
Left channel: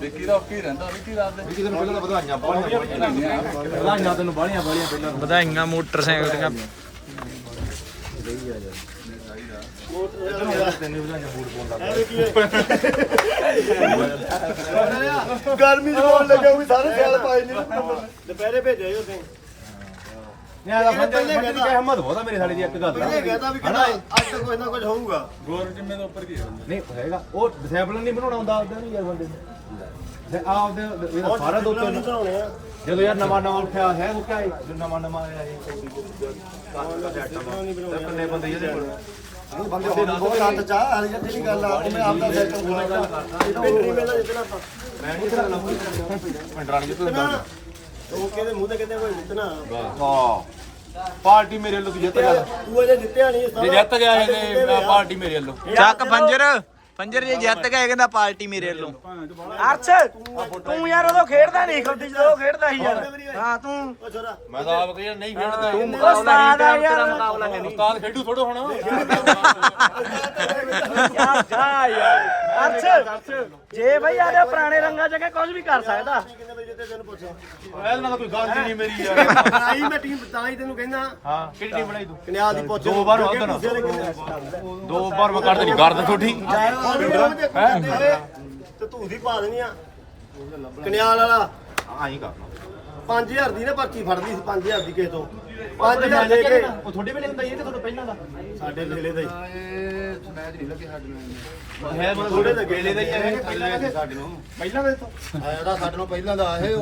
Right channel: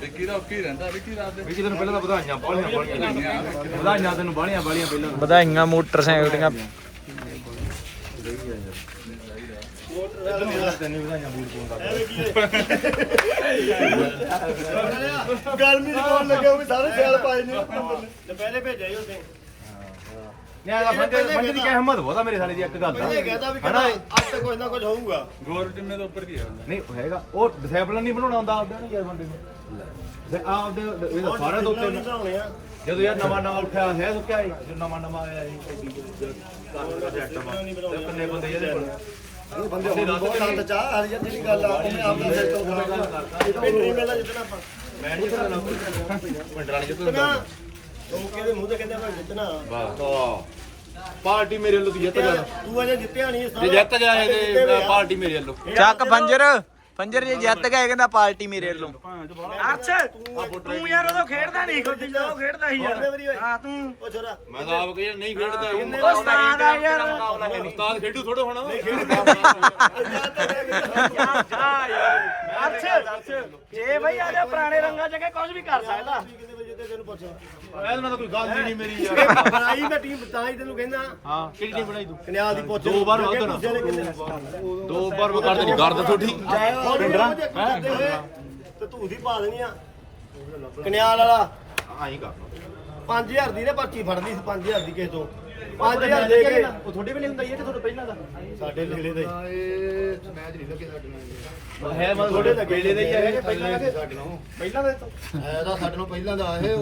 ਵਿੱਕੀ ਦਾ ਔਕੀ ਰਹਿੰਦਾ ਵਿੱਕੀ ਰਾਤ ਦੇ ਵਿੱਕੀ ਤੈਨੂੰ ਪਹਿਲਾਂ ਤਾਂ ਵਧਾਈਆਂ ਬਾਲੀਆਂ ਬਾਲੀਆਂ ਵਧਾਈਆਂ ਤੈਨੂੰ ਬਾਲੀਆਂ ਬਾਲੀਆਂ ਪਹਿਲਾਂ। ਵਧਾਈਆਂ ਮੋਟਰਸਾਈਕਲ ਦੀਆਂ ਤੈਨੂੰ ਵਧਾਈਆਂ ਬੂਟ ਪਾਉਣ ਲੱਗ ਗਰਮੀ ਚ ਬੋਲ ਲੱਗਾ ਵੀ ਸਾਰੇ ਸਿਆਲ ਪਾਏ ਨੇ। ਦੁਪਹਿਰੇ ਭੇਜਿਆ ਉਹਦੇ ਨਿਆ ਦਾ ਫੰਦੇ ਫੰਦੇ ਦੀ ਹਿੰਮਤ ਬਹੁਤਾ ਮੇਰੇ ਸਾਲੇ ਦੀ ਇੱਕ ਗੱਲ ਪਹਿਲੇ ਕਹਿੰਦਾ ਵੀ ਕਹਿੰਦਾ ਅੱਜ ਤੱਕ ਕੋਈ ਨਾ ਕੁਝ ਹੋਊਗਾ। ਗੋਰ ਜਿੰਨੇ ਤੋਂ ਉੱਪਰ ਕੀ ਹੈ? ਨਹੀਂ ਹੈਗਾ। ਉਹ ਡਿਸੈਪਲਿਨ ਨਹੀਂ ਬਣਾਉਣਾ ਹੁੰਦਾ ਆਪਦਾ ਨਹੀਂ ਯਾਰ ਬੰਦੇ ਨੂੰ। ਤੇ ਆਪਦੇ ਇਹਦਾ ਸਾਰੇ ਦੋ ਤਿੰਨ ਬਣਾਉਣੇ ਆ। ਜਦੋਂ ਯਾਰ ਨਵਾਂ ਨਵਾਂ ਉੱਠਿਆ ਹੈ ਸੁੱਕਿਆ ਹੀ। ਜਦੋਂ ਨਵਾਂ ਨਵਾਂ ਜਿਹੜਾ ਇਹ ਕਿੰਨੇ ਬੰਦੇ ਇਹਦੇ ਕੋਲ ਇਹ ਬੰਦੇ ਹੁਣ ਬਹੁਤ ਆਨੰਦ ਚਾਹ ਹਰ ਜਿਹੜੀ ਗੱਲ ਆ ਉਹਨੇ ਆਪਦਾ ਸੈਕਟਰ ਬਣਾਉਣਾ ਇਹ ਤਾਂ ਨਹੀਂ ਮਿਲਦਾ ਜਿੱਤਣਾ ਆਪਾਂ। ਮੈਂ ਨਹੀਂ ਸਕਦਾ ਪਿੰਡਰਾਣੀ ਜਿੱਤ ਨਾ ਉਹ ਕਹਿੰਦੇ ਮੂੰਹ ਤੇ ਕਹਿੰਦੇ ਆਪਾਂ ਜਿੱਤਣਾ। ਹਾਂ। ਪਾਰਟੀ ਮੇਰੇ ਵੱਲੋਂ ਤੂੰ ਜਿੱਤ ਗਿਆ। ਤੂੰ ਅਜੇ ਜਿੱਤਿਆ ਨਹੀਂ ਜਿੱਤ ਗਿਆ ਇਹ ਪਾਰਟੀ ਮੇਰੇ ਵੱਲੋਂ। ਚੱਕ ਪੰਜਰ ਪੰਜਰ ਜੇ ਜਿੱਤ ਗਏ ਕਹਿੰਦਾ ਪਾਰਟੀ ਮੇਰੇ ਵੱਲੋਂ। ਅਰਸ਼ ਤੂੰ ਯਾਰ ਉਦੋਂ ਖੇਡਦਾ ਨਹੀਂ ਖੁੱਦੀ ਜਦੋਂ ਖੇਡਦਾ ਸੀ ਯਾਰ। ਹਾਂ ਤੂੰ। ਉਹ ਛੋਰਾ ਮੈਂ ਤਾਂ ਆਪ ਕਹਿੰਦਾ ਨਹੀਂ ਖੇਡਦਾ। ਉਹ ਉਸਤਾਦ ਆ ਯਾਰ। ਉਸਤਾਦ ਖੇਡੂ ਥੋੜਾ ਹੋਣਾ ਅਰਸ਼ ਜੇ ਬਈ ਆ ਜਾ ਪੁਰਾਣੇ ਰੰਗਾਂ ਚ ਕੇ ਕੁਝ ਵੀ ਕਰ ਸਕਦਾ। ਕਿੰਨੇ ਵਜੇ ਜਿੱਤੇ ਤੈਨੂੰ ਪੁੱਛਿਆ? ਇਹਨਾਂ ਦਾ ਕੋਈ ਗੱਲ ਨਹੀਂ ਮੇਰੀ ਯਾਰ। ਆਈ ਮੈਂ ਟੀਮ ਤਾਂ ਹੀ ਤੈਨੂੰ ਕਹਿੰਦਾ। ਹਾਂ ਕਿਹੜੀ ਟੀਮ ਬਣਾਈ ਤੂੰ? ਕਨਿਆਲ ਦੀ ਪੁੱਛ ਦੋ ਵਾਰ ਵਾਧਾ ਨਾ। ਦੋ ਵਾਰ ਮੈਂ ਕੱਢ ਨਹੀਂ ਗਰਦ ਤੁਹਾਡੀ। ਤੇ ਤੂੰ ਦੀ ਪਾ ਦੇਣੀ ਆ। ਕਨਿਆਲ ਵਾਲਾ। ਆਹੀ ਕਰਨਾ। 5000 ਦੀ ਨਾ ਪਰਚੀ ਫੜਦੀ ਸੀ 5000 ਦੀ ਕਿਸੇ ਤੋਂ। 5000 ਦੇ ਕੇ। ਉਹ ਤੁਹਾਡੇ ਵੇਲੇ ਹੁੰਦਾ ਹੀ ਹੈ ਕਿ ਤੁਹਾਡੇ ਪਹਿਲਾਂ ਦਾ? ਸਾਡੇ ਵੇਲੇ ਦਾ ਹੀ। ਹੈ ਮੈਂ ਥੋੜੇ ਲੱਗੇ ਵੇਲੇ ਦਾ ਹੀ ਹੈ ਕਿ ਪਹਿਲਾਂ ਦਾ ਸਾਡੇ ਨੂੰ ਪਹਿਲਾਂ ਦਾ ਤੋਂ। ਇਹਦਾ ਸਾਡੇ ਨੂੰ ਪਹਿਲਾਂ ਦਾ ਇਹ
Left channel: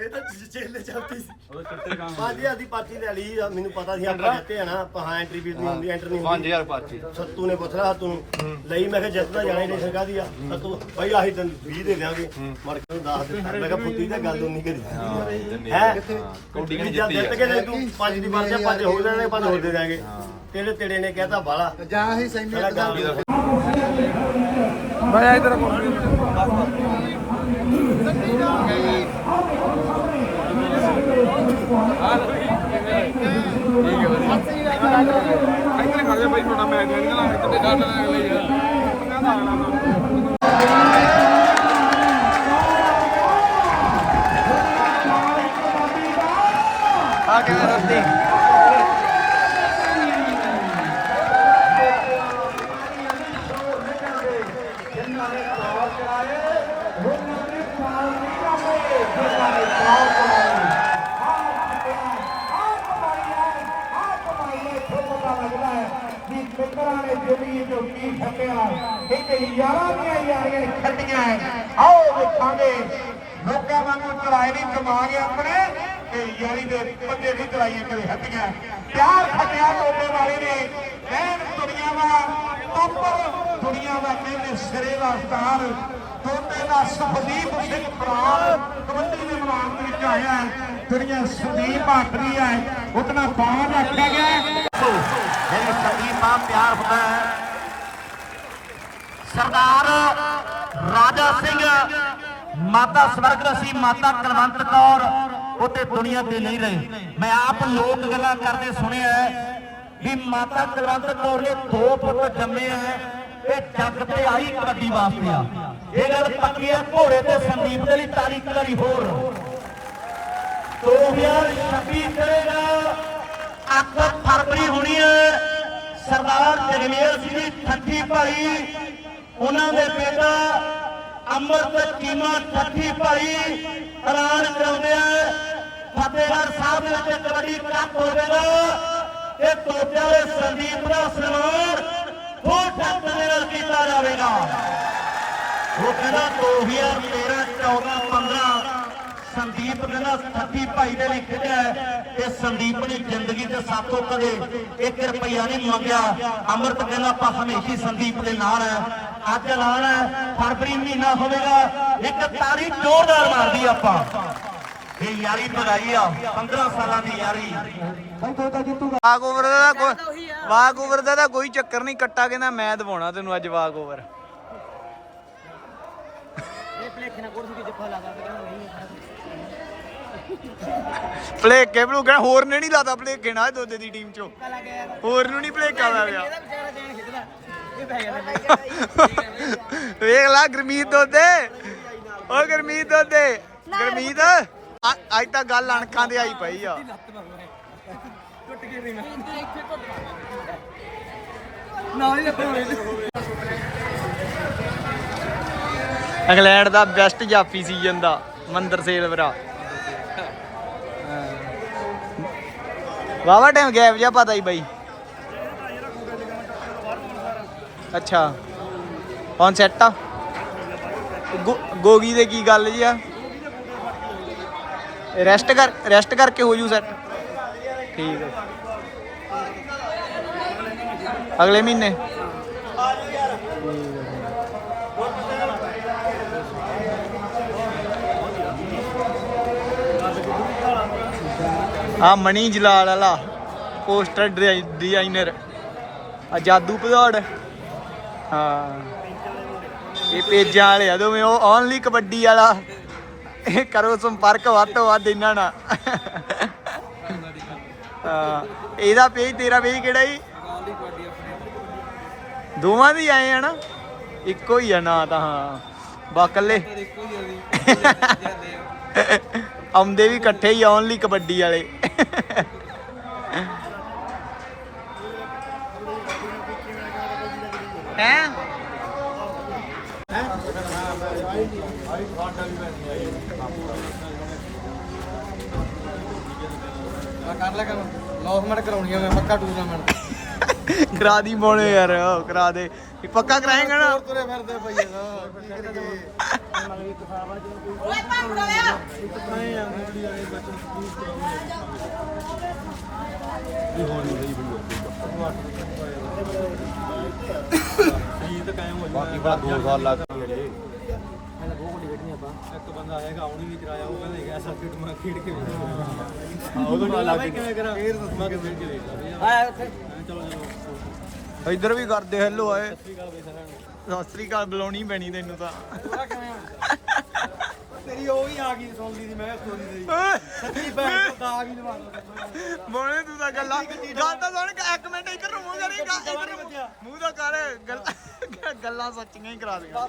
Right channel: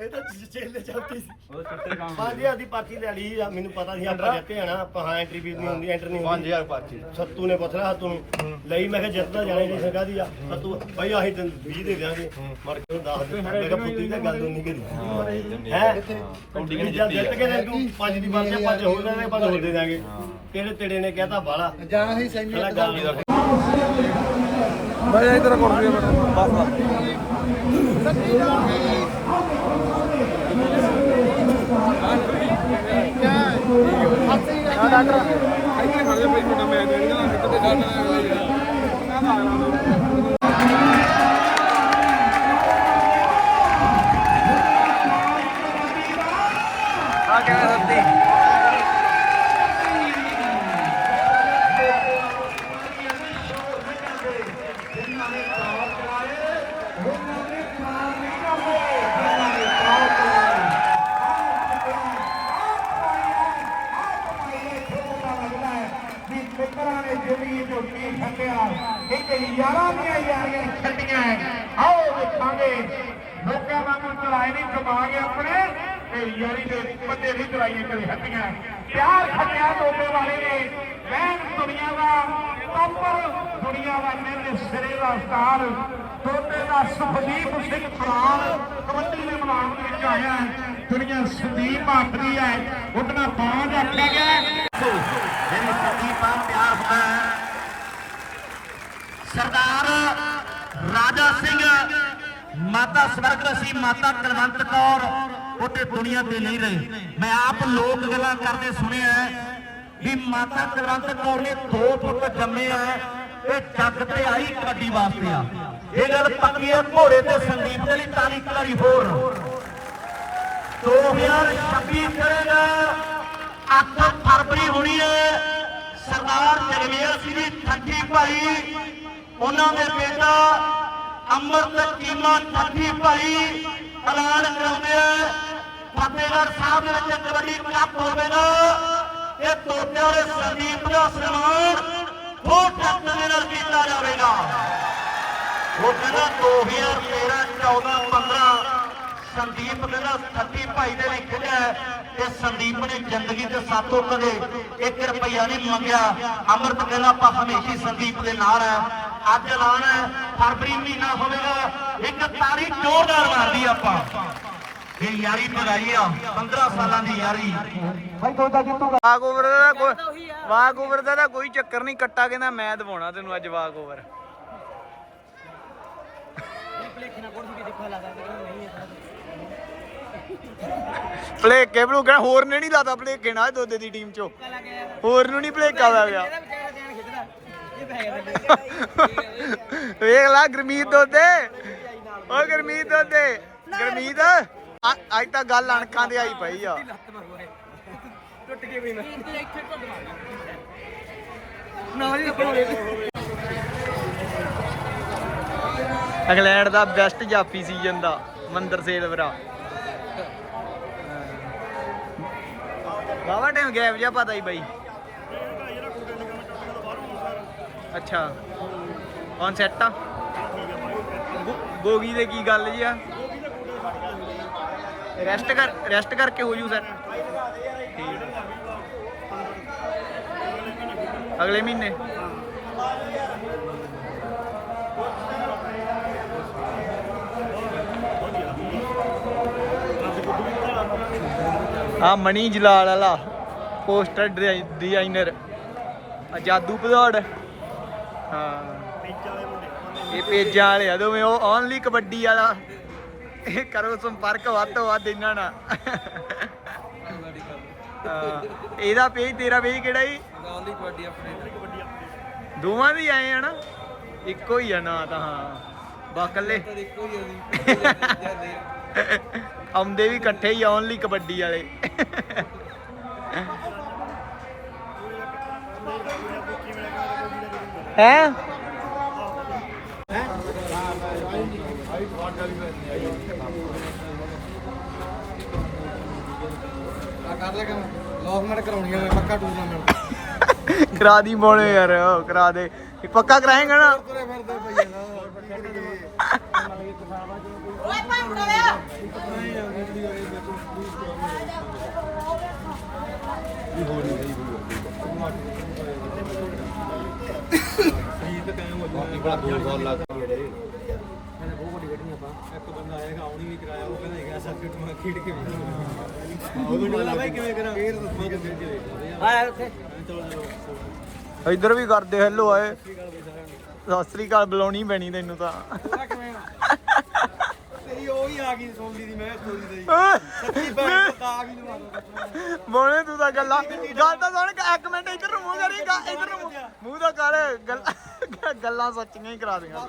ਇਹ ਤਾਂ ਚੇਲੇ ਚਲਦੀ ਸੀ 5000 ਦੀ ਪਰਚੀ ਲੈ ਲਈ ਆ, ਮੈਨੂੰ ਪਤਾ ਸੀ ਆਪਾਂ ਜਿੱਤੇ ਆ ਨਾ ਆਪਾਂ ਹਾਂ ਐਂਟਰੀ ਫੀਸ ਨਹੀਂ ਹੁੰਦੀ ਐਂਟਰ ਨਹੀਂ ਹੁੰਦੀ। 5000 ਪਾਚੀ ਸੱਤੂ ਨੇ ਪਥਰਾ ਹੱਥ ਨੂੰ ਲਈ ਮੈਂ ਕਿਹਾ ਜਿੱਤਦਾ ਜਾਣੇ ਦੀ ਸੰਗਾ ਦੀ ਆ। ਸੱਤੂ ਭਾਈ ਆਹੀ ਤੈਨੂੰ 20 ਦੇ ਦਿਆਂਗੇ। ਮਰ ਕੇ ਉਹਨੂੰ ਦੱਸ ਦੇ ਮੈਂ ਕਿਹਾ ਪੁੱਤੀ ਤੇ ਗੱਲ ਨਹੀਂ ਕਰੀ। ਹੈ ਕੌਡੀ ਕਿ ਜਿੱਤ ਜਿੱਤ ਕੇ ਜੇ ਤੂੰ ਪੰਜ ਦੀ ਮਾਰ ਜਾ ਪੰਜ ਹੋਰ ਦੇ ਦੇਣਗੇ ਪੰਜ ਹੋਰ ਦੇ ਦਿਆਂਗੇ ਤੇਰੇ ਤੇੜੇ ਨੇ ਕਹਿਤਾ ਬਾਲਾ। ਜਾਂ ਹੀ ਸੈਮੀ ਦਾ ਮੈਂ ਇਧਰ ਕਰ ਆ ਕਿਵੇਂ ਸੱਤੀ ਆਓ ਦੇਖਾਂਗੇ ਲੋਕਾਂ ਵਾਂਗੂ ਚਲਾਏ ਨਹੀਂ ਦਿਮਾਗ ਆਪਣੇ ਤੇ ਦੇ ਪੱਤੇ ਵੀ ਚਲਾਈਏ ਕਦੇ ਹੱਟੀਆਂ ਪਿਆਰ ਫਟਿਆ ਲੋਕਾਂ ਵਾਲੀ ਨੇ ਮੈਂ ਦੁਨੀਆ ਦਾ ਟੱਪਰ ਦੁਨੀਆ ਦਾ ਕਹਿੰਦੇ ਸਿਰੇ ਦਾ ਸਟਾਰ ਟੋਟੇ ਦਾ ਸੁਖਦੀਪ ਸਿੰਘ ਪ੍ਰਾਣ ਕਬੱਡੀ ਦੇ ਮੈਦਾਨ ਦੇ ਵਿੱਚ ਆਇਆ ਦੁਨੀਆ ਸੰਦੀਪ ਆਖਰੀ ਹੈ ਉਤਨਾ ਬਾਣ ਰੱਖਿਆ ਗਿਆ ਜਿਹੜੀ ਸੰਦੀਪ ਆ, ਪਿਆਰ ਹੁੰਦਾ ਹੈ। ਸਰਦਾਰ ਰਾਜਾ ਸਿੰਘ, ਮਾਤਾ ਸਵਰਗਰਸੀ ਮਾਤਾ ਕੁਲਵੰਤ ਕੌਰ। ਉੱਤੇ ਦੁਨੀਆ ਤੇ ਨਹੀਂ ਰਹੇ। ਮੈਂ ਆਪ ਲੋਕ ਗੱਲਾਂ ਕਰਦੇ ਸੁਣਿਆ ਵੀ ਮਾਤਾ ਕੁਲਵੰਤ ਕੌਰ ਨੇ ਦੋ ਪੁੱਤ ਜੰਮੇ ਆ ਇਹ ਜੱਗ ਤੇ ਆਈ ਕਬੱਡੀ ਵਾਸਤੇ ਆ। ਇਹ ਗੱਲ ਪੱਕੀ ਹੈ ਘੋੜੇ ਤੇ ਸੰਦੀਪ ਦੇ ਲਈ ਤਾਲੀ ਕਰੀ ਹੋਰ। 2026 ਕਰੇਗਾ ਅੱਠ ਫਰਵਰੀ ਹੋਣੀ ਹੈ। ਸਰਦਾਰ ਜਗਮੇਲ ਸਿੰਘ ਦੀ ਠੱਠੀ ਭਾਈ, ਉਹਨਾਂ ਦੇ ਬੇਟਾ ਅਮਰਤ ਕੀਮਾ ਠੱਠੀ ਭਾਈ ਐਲਾਨ ਕਰਾਉਂਦੇ ਆ। ਫਤਿਹਗੜ੍ਹ ਸਾਹਿਬ ਦੇ ਵਿੱਚ ਕਬੱਡੀ ਕੱਪ ਹੋਵੇਗਾ ਤੇ ਤੋਟਿਆਂ ਵਾਲੇ ਸੰਦੀਪ ਦਾ ਸਨਮਾਨ ਦੋ ਟੱਕ ਦੇ ਨਾਲ ਕੀਤਾ ਜਾਵੇਗਾ। ਉਹ ਕਹਿੰਦਾ 2013 14 15 ਸੰਦੀਪ ਕਹਿੰਦਾ ਸੱਤੀ ਭਾਈ ਦੇ ਵਿੱਚ ਖੜਿਆ ਤੇ ਸੰਦੀਪ ਨੇ ਜ਼ਿੰਦਗੀ ਦੇ ਸਾਥੋਂ ਕਦੇ 1 ਰੁਪਈਆ ਨਹੀਂ ਮੰਗਿਆ। ਅੰਮ੍ਰਿਤ ਕਹਿੰਦਾ ਆਪਾਂ ਹਮੇਸ਼ਾ ਸੰਦੀਪ ਦੇ ਨਾਲ ਆ ਅੱਜ ਐਲਾਨ ਹੈ, ਫਰਵਰੀ ਮਹੀਨਾ ਹੋਵੇਗਾ, ਇੱਕ ਤਾਰੀਖ ਜ਼ੋਰਦਾਰ ਮਾਰਦੀ ਆਪਾਂ। ਇਹ ਯਾਰੀ ਬਣਾਈ ਆ 15 ਸਾਲਾਂ ਦੀ ਯਾਰੀ। ਵਾਕ ਓਵਰ ਦਾ ਕੋਈ ਵਾਕ ਓਵਰ ਦਾ ਤਾਂ ਕੋਈ ਚੱਕਰ ਨਹੀਂ ਕੱਟਾ ਕਹਿੰਦਾ ਮੈਂ ਦਵਾਉਣਾ ਤੈਨੂੰ ਅੱਜ ਵਾਕ ਓਵਰ। ਭਲੇਕੇ ਭਲੂ ਕਹਿੰਦਾ ਹੋਰ ਨੇ ਨਹੀਂ ਲਾਦਾ ਭਲੇਕੇ ਨਾਲ ਦੋਦੇ ਦੀ ਟੀਮ ਚੋਂ। ਹੋਰ ਨੂੰ ਨਹੀਂ ਭਲੇਕਾ ਪੈ ਗਿਆ ਵੇਖ ਲਾ ਗਰਮੀਤ ਦੋਦੇ। ਓ ਗਰਮੀਤ ਦੋਦੇ ਗਰਮੀਤ। ਅੱਜ ਤਾਂ ਗੱਲ ਅਣਕਾਂ ਦੇ ਆਈ ਪਈ ਆ। ਇੰਗਲੈਂਡ ਦਾ ਬੈਸਟ ਜਾਫੀ ਸੀਜ਼ਨ ਦਾ, ਮੰਦਰ ਸੇਲਵਰਾ ਵਾਵਾ ਟਾਈਮ ਗੈਪ ਜਿਹਾ ਪਤਾ ਹੀ ਬਾਈ। ਅੱਛਾ। ਕੌਣ ਸੈੱਟ ਆ। ਗੋਗੀ ਦੇ ਕੀ ਗੱਲ ਜੀ ਆ? ਰੈਸਟ ਕਰ ਰੈਸਟ ਕਰਕੇ ਹੋ ਜੂ ਸਰ। ਠੀਕ ਹੈ ਅਗਲੇ ਮਹੀਨੇ। ਆ ਮਣੀ ਜਲਾਲ ਵਾਲਾ ਪੋਸਟਰ ਡਿਜ਼ਾਈਨਰ। ਆ ਜਾਦੂ ਭਦੌੜ। ਹਾਂ। ਇਹ ਪੇਜਾਂ ਵਾਲੇ ਆ ਦੋਵੇਂ, ਉਹ ਓਨਲੀ ਕਬੱਡੀ ਵਾਲਾ। ਇਹ ਕਰੋ ਸੰਪਰਕ ਵੱਧ ਤੋਂ ਵੱਧ ਇਹਨਾਂ ਨਾਲ। ਹਾਂ, ਇਹਦਾ ਪੇਜ ਤੇਰਾ ਪੇਜ ਕਿਹੜਾ ਜੀ? ਗਾਂਧੀ ਕਬੱਡੀ ਆਪਣੇ ਦੋਵਾਂ ਦੀ ਆਏ ਆ ਨਾ? ਇੱਕੋ ਹੀ ਆ ਨਾ ਤਾਂ, ਹਾਂ। ਬਾਕਲੇ ਇੱਕੋ ਹੀ ਆ ਵੀ ਆਉਂਦੇ ਵੀ ਇਕੱਠੇ ਹੀ ਓਨਲੀ ਕਬੱਡੀ ਵਾਲੇ। ਹੈ? ਕਰ ਲੈ ਕੰਮ ਲੌਸਮੈਂਟ ਕਰਾਉਣੀ ਆ ਮੈਂ ਪੱਕਾ ਟੂਰਨਾਮੈਂਟ ਕਰਾ ਦੀ ਮੋਣੇ ਯਾਰ, ਉਹ ਕਰਾ ਦੇ। ਵੀ ਪੱਕਾ ਕਰਾਏਗਾ ਨਾ। ਤੁਰੇ ਫਿਰਦੇ ਪਈ ਨਾ ਓਏ ਪਾਪੜਾ ਲਿਆ ਨਹੀਂ ਆ ਵੀਡੀਓ ਵਾਲੇ ਬੱਚੇ ਪਲੀਜ਼ ਵੀ ਹੋ ਨਹੀਂ ਰਹੀ ਤਾਂ ਕਾਇਮ ਹੋ ਬਾਕੀ ਬੜਾ ਦੋ ਸਾਲ ਲੱਗ ਗਏ ਜੇ। ਮੈਂ ਤਾਂ ਬਹੁਤ ਵੱਡੀ ਖੇਡਣੀ ਆਪਾਂ। ਇੱਕ ਬੰਦਾ ਆਏਗਾ ਆਉਣੀ ਵੀ ਕਰਾਇਆ ਉਹ ਕਹਿੰਦਾ ਹੈਗਾ ਸਰਕਟ ਮੈਂ ਖੇਡ ਕੇ ਵੇਖ। ਉਦੋਂ ਪਤਾ ਲੱਗ ਭਾਈ ਕਿਵੇਂ ਕਰਾਂ? ਫੇਰ ਮੈਂ ਤਾਂ ਫੇਰ ਕੇ ਦੇਖ ਲਾ ਬਈ ਆਇਆ ਉੱਥੇ। ਚਲੋ ਚਲੋ। ਇੱਧਰ ਵੀ ਕਰਦੇ ਹੈਲੋ ਆਏ। ਸਤਿ ਸ੍ਰੀ ਅਕਾਲ ਬੁਲਾਉਣੀ ਪੈਣੀ ਤੈਨੂੰ ਤਾਂ। ਕਿਵੇਂ? ਤੇਰੀ ਉਹ ਹੀ ਆ ਗਈ ਸੁਣਦੀ ਦੀ ਮੈਂ ਸਟੋਰੀ ਦੀ। ਓਏ, ਸੱਚੀ ਭੈਣ ਤੋਂ ਤਾਂ ਆ ਗਈ ਲਵਾ ਲਓ ਮੋਨੇ ਤੂੰ ਤਾਂ ਗੱਲਾਂ। ਗੱਲ ਤਾਂ ਸੁਣ ਇੱਕ ਮਿੰਟ ਇੱਧਰ ਨੂੰ ਮੂੰਹ ਕਰੀ ਗਾ- ਇੱਧਰ ਨੂੰ ਮੂੰਹ- ਮੂੰਹ ਤਾਂ ਕਰ ਗੱਲ- ਗੱਲਾਂ ਸੱਚੀਆਂ ਹੀ ਕਰਾ ਦੇਗਾ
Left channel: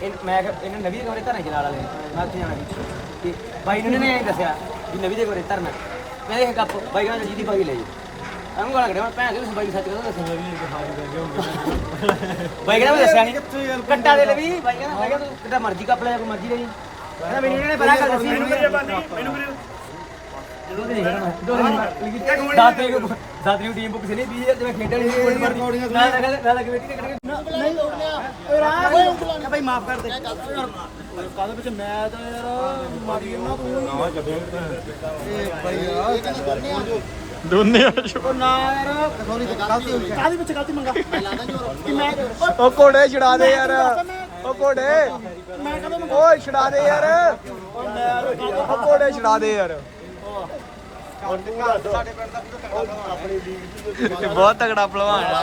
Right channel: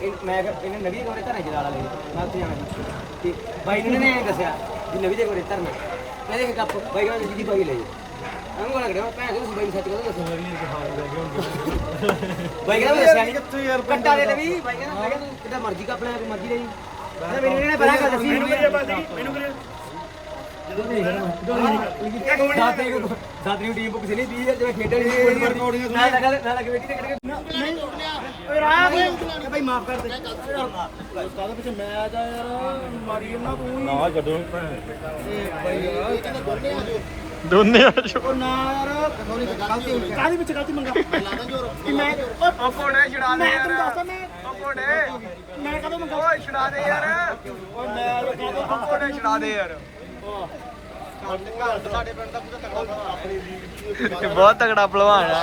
ਇਹ ਮੈਂ ਕਿਹਾ ਇਹਨੇ ਨਵੀਂ ਦੇ ਕਮਰੇ ਧਰਨੇ ਜਲਾਲ ਵਾਲੇ ਨੇ। ਮੈਂ ਉੱਥੇ ਜਾਣਾ ਸੀ ਤੇ ਬਾਈ ਨੇ ਨੇ ਦੱਸਿਆ ਵੀ ਨਵੀਂ ਦੇ ਕਮਰੇ ਧਰਨਾ। ਮੈਂ ਇਹ ਗੱਪ ਬਾਈ ਕਹਿੰਦਾ ਜੀ ਦੀ ਬਾਈ ਲੈ ਜਾਓ। ਐਵੇਂ ਗਾਲਾਂ ਕੱਢਿਆ ਮੈਂ ਭੈਣ ਦੇ ਬਾਈ ਨੂੰ ਸੱਚ ਕਹਿੰਦਾ ਦੱਸਿਆ ਨਵੀਂ ਕੇ ਹਾਜ਼ਰ ਲੈ ਕੇ ਹੁਣ ਬਾਈ ਕਹਿੰਦਾ ਮੈਂ ਦੱਸਿਆ ਨਹੀਂ ਕਿੱਥੇ ਯਾਰ ਕੱਟਾ ਦੇ ਲਵੀ ਬਾਈ ਕਹਿੰਦਾ ਮੈਂ ਕਿਹਾ ਤੂੰ ਕਿੱਡਾ ਮਰਜ਼ੀ ਕੱਪ ਲੈ ਕੋਈ ਮਰਜ਼ੀ ਲੈ ਜੀ। ਕਹਿੰਦਾ ਮੈਨੂੰ ਇਹਨੇ ਪਹਿਲਾਂ ਗੱਲ ਦੱਸੀ ਮੈਨੂੰ ਮੈਨੂੰ ਜਦੋਂ ਨਹੀਂ ਕਰਨਾ ਦਾਤੇ ਨੂੰ ਦਾਤੇ ਨੂੰ ਟੀਮ ਬੁੱਕ ਸੀ ਨਹੀਂ 20000 ਜਿਵੇਂ ਖੇਡਣ ਦੀ ਰਿਕਾਰਡਿੰਗ ਮੈਂ ਲੱਗਾ ਮੈਂ ਲੱਗਾ ਬੇਟੀ ਤੇ ਕੱਢ ਕੇ ਕਾਦੇ ਵਿੱਚ ਮੈਚ ਆ ਯਾਰ ਮਾਰੀ ਇਹਨਾਂ ਤੂੰ ਹੀ। ਆ। ਜੱਬੇ ਦੋਨੇ ਆ। ਜੋ। ਉਹ ਨਾ ਯਾਰ ਕਾਦੇ ਵਿੱਚ ਗਲਤੀ ਮੰਗਾ? ਮੈਂ ਲਾਦਾ ਜੋਰ। ਕਿ ਮੈਂ ਉਹ ਘੋੜੇ ਛਡਾ ਦੇ ਯਾਰ। ਉਹ ਘੋੜੇ। ਮੈਂ ਕਦੋਂ ਓਏ ਛਡਾ ਦੇ ਯਾਰ। ਓਏ ਮੈਂ ਉਹ ਘੋੜੇ ਛਡਾ ਦੇ ਯਾਰ। ਇਹ ਬਹੁਤ ਤਗੜਾ ਭਲਵਾਨ ਆ।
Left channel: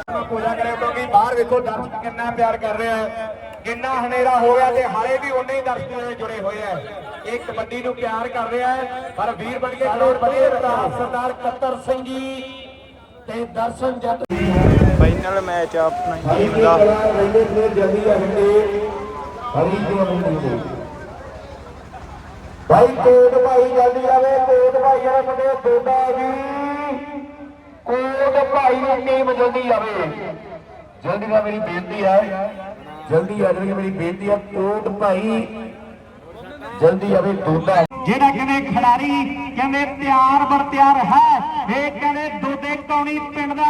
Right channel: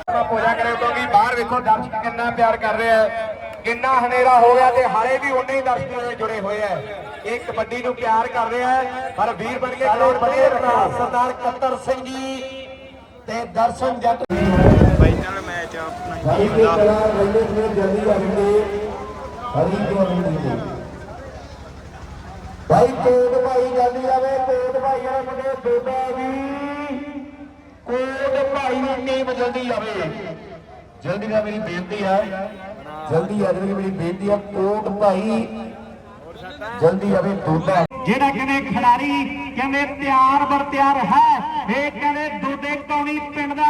ਆਪਾਂ ਪੂਜਾ ਕਰੇ ਕਿਉਂਕਿ ਬਾਹਰ ਵੇਖੋ ਦਰਸ਼ਕ ਕਿੰਨਾ ਪਿਆਰ ਕਰ ਰਹੇ। ਕਿੰਨਾ ਹਨੇਰਾ ਹੋ ਗਿਆ ਤੇ ਹਾਲੇ ਵੀ ਉਨੇ ਹੀ ਦਰਸ਼ਕ ਨਾਲ ਜੁੜੇ ਹੋਏ ਆ। ਇਹ ਕਬੱਡੀ ਨੂੰ ਪਿਆਰ ਕਰ ਰਹੇ ਆ। ਪਰ ਵੀਰ ਬਣ ਕੇ ਕਰੋੜ ਬਣੇ ਭਰਾ ਸਰਦਾਰ ਕੱਤਰ ਸਿੰਘ ਜੀ ਤੇ ਦਰਸ਼ਨ ਜੱਟ। ਫਾਈਨਲ ਮੈਚ ਆ ਆਪਣਾ ਟੀਮ ਦਾ ਰਹਿੰਦੇ ਨੇ ਜਲਦੀ ਆਣਗੇ ਹਰੀ ਕਿਉਂ ਨਹੀਂ ਭਾਈ ਕੋਟ ਭਾਈ ਜਲਦੀ ਆਵੇ ਕੋਟ ਭਾਈ ਵਾਲੇ ਮੁੰਡੇ ਦੋਦਾ ਜੀ ਕੋਟ ਭਾਈ ਦੀ ਟੀਮ ਜਲਦੀ ਆਵੇ। ਜਲਦੀ ਨਾਲ ਮੇਰੀ ਬੇਨਤੀ ਹੈ। ਜਲਦੀ ਆ ਜਾਵੇ ਮੇਰੀ ਬੇਨਤੀ ਹੈ, ਕੋਟ ਭਾਈ। ਜਲਦੀ ਆਵੇ ਦੋਦਾ ਜਿਹੜਾ ਕਹਿੰਦੇ ਖਿਡਾਰੀ ਕਹਿੰਦੇ ਤਿਆਰ ਬਰ ਤਿਆਰ ਹੈ, ਇਹ ਕਹਿੰਦੇ ਦੋਦੇ ਕੌਣੀ ਪਿੰਡ ਦਾ,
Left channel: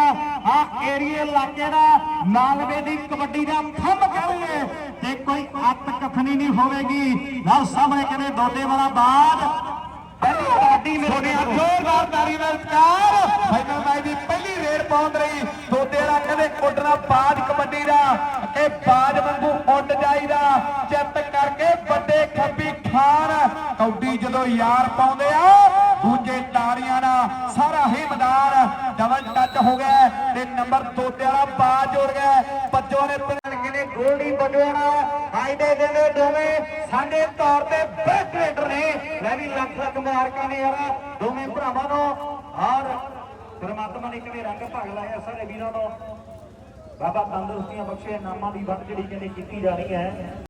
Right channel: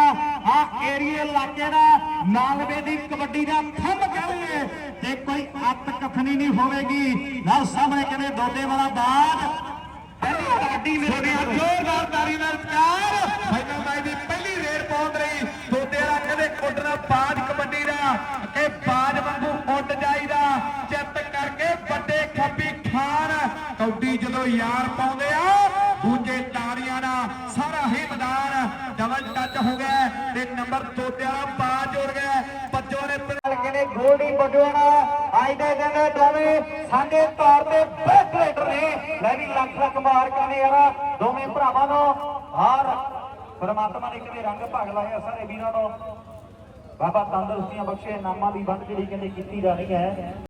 ਆ ਏਰੀਏ ਇਲਾਕੇ ਦਾ, ਨਾਲਵੇ ਦੀ ਕਬੱਡੀ ਦਾ ਥੰਮ ਕਹਿੰਦੇ ਤੇ ਕੋਈ ਅੱਤ ਕਥਨੀ ਨਹੀਂ ਹੋਵੇਗੀ। ਨਾਲ ਸਾਹਮਣੇ ਕਹਿੰਦੇ ਦੋਦੇ ਵਾਲਾ ਬਾਦ ਪਹਿਲੀ ਕਬੱਡੀ ਮੇਰੇ ਜ਼ੋਰਦਾਰ ਤਾਰੀ ਨਾਲ ਪਿਆਰ ਫਾਈਨਲ ਮੈਚ ਦੀ ਪਹਿਲੀ ਰੇਡ ਪਹੁੰਚ ਰਹੀ ਦੋਦੇ ਦਾ ਕਹਿੰਦੇ ਉੱਡਣਾ ਬਾਜ ਕਬੱਡੀ ਦਾ ਕਿ ਬਾਜ ਵਾਂਗੂ ਉੱਡ ਜਾਈਦਾ ਚਿੱਤ ਕਰਕੇ ਵੱਡੇ ਖੱਬੀ ਖਾਨ ਕੌਡੀ ਜਦੋਂ ਯਾਰ ਪਾਉਂਦੇ ਆ ਦੂਜੇ ਤਾੜੀਆਂ ਨਾਲ ਸਾਰਾ ਹੀ ਮੈਦਾਨ ਡਬਲ ਟੱਚ ਹੋ ਗਿਆ ਤੇ ਨੰਬਰ ਦੋਦੇ ਵਾਲਾ ਬਾਜ ਜੋੜ ਗਿਆ। ਬੱਜੋ ਨੇ ਕਹਿੰਦੇ ਗੋਲਡੀ ਬੱਜਵਾਣਾ ਅੱਜ ਦੇ ਦਿਨ ਦੇ ਦੋਵੇਂ ਸਾਡੇ ਤੌਰ ਤੇ ਬੈਸਟ ਰੇਡਰ ਨੇ। ਮੈਂ ਵੀ ਲੱਖ ਲੱਖ ਮੁਬਾਰਕਾਂ ਨੇ ਯਾਰ, ਦੋਵੇਂ ਭਰਾਵਾਂ ਨੂੰ ਔਰ ਪਰਮਾਤਮਾ ਨੇ ਕਿਵੇਂ ਰੰਗ ਭਗ ਲਾਇਆ ਸਾਰੇ ਵੀਰਾਂ ਨੂੰ ਬਾਬਾ ਤੰਦਰੁਸਤੀਆਂ ਬਖਸ਼ੇ, ਨਾਮਾਂ ਦੀ ਵੰਡ ਜਿਹੜੀ ਕਹਿੰਦੇ ਕੀਤੀ ਜਾ ਰਹੀ ਹੈ।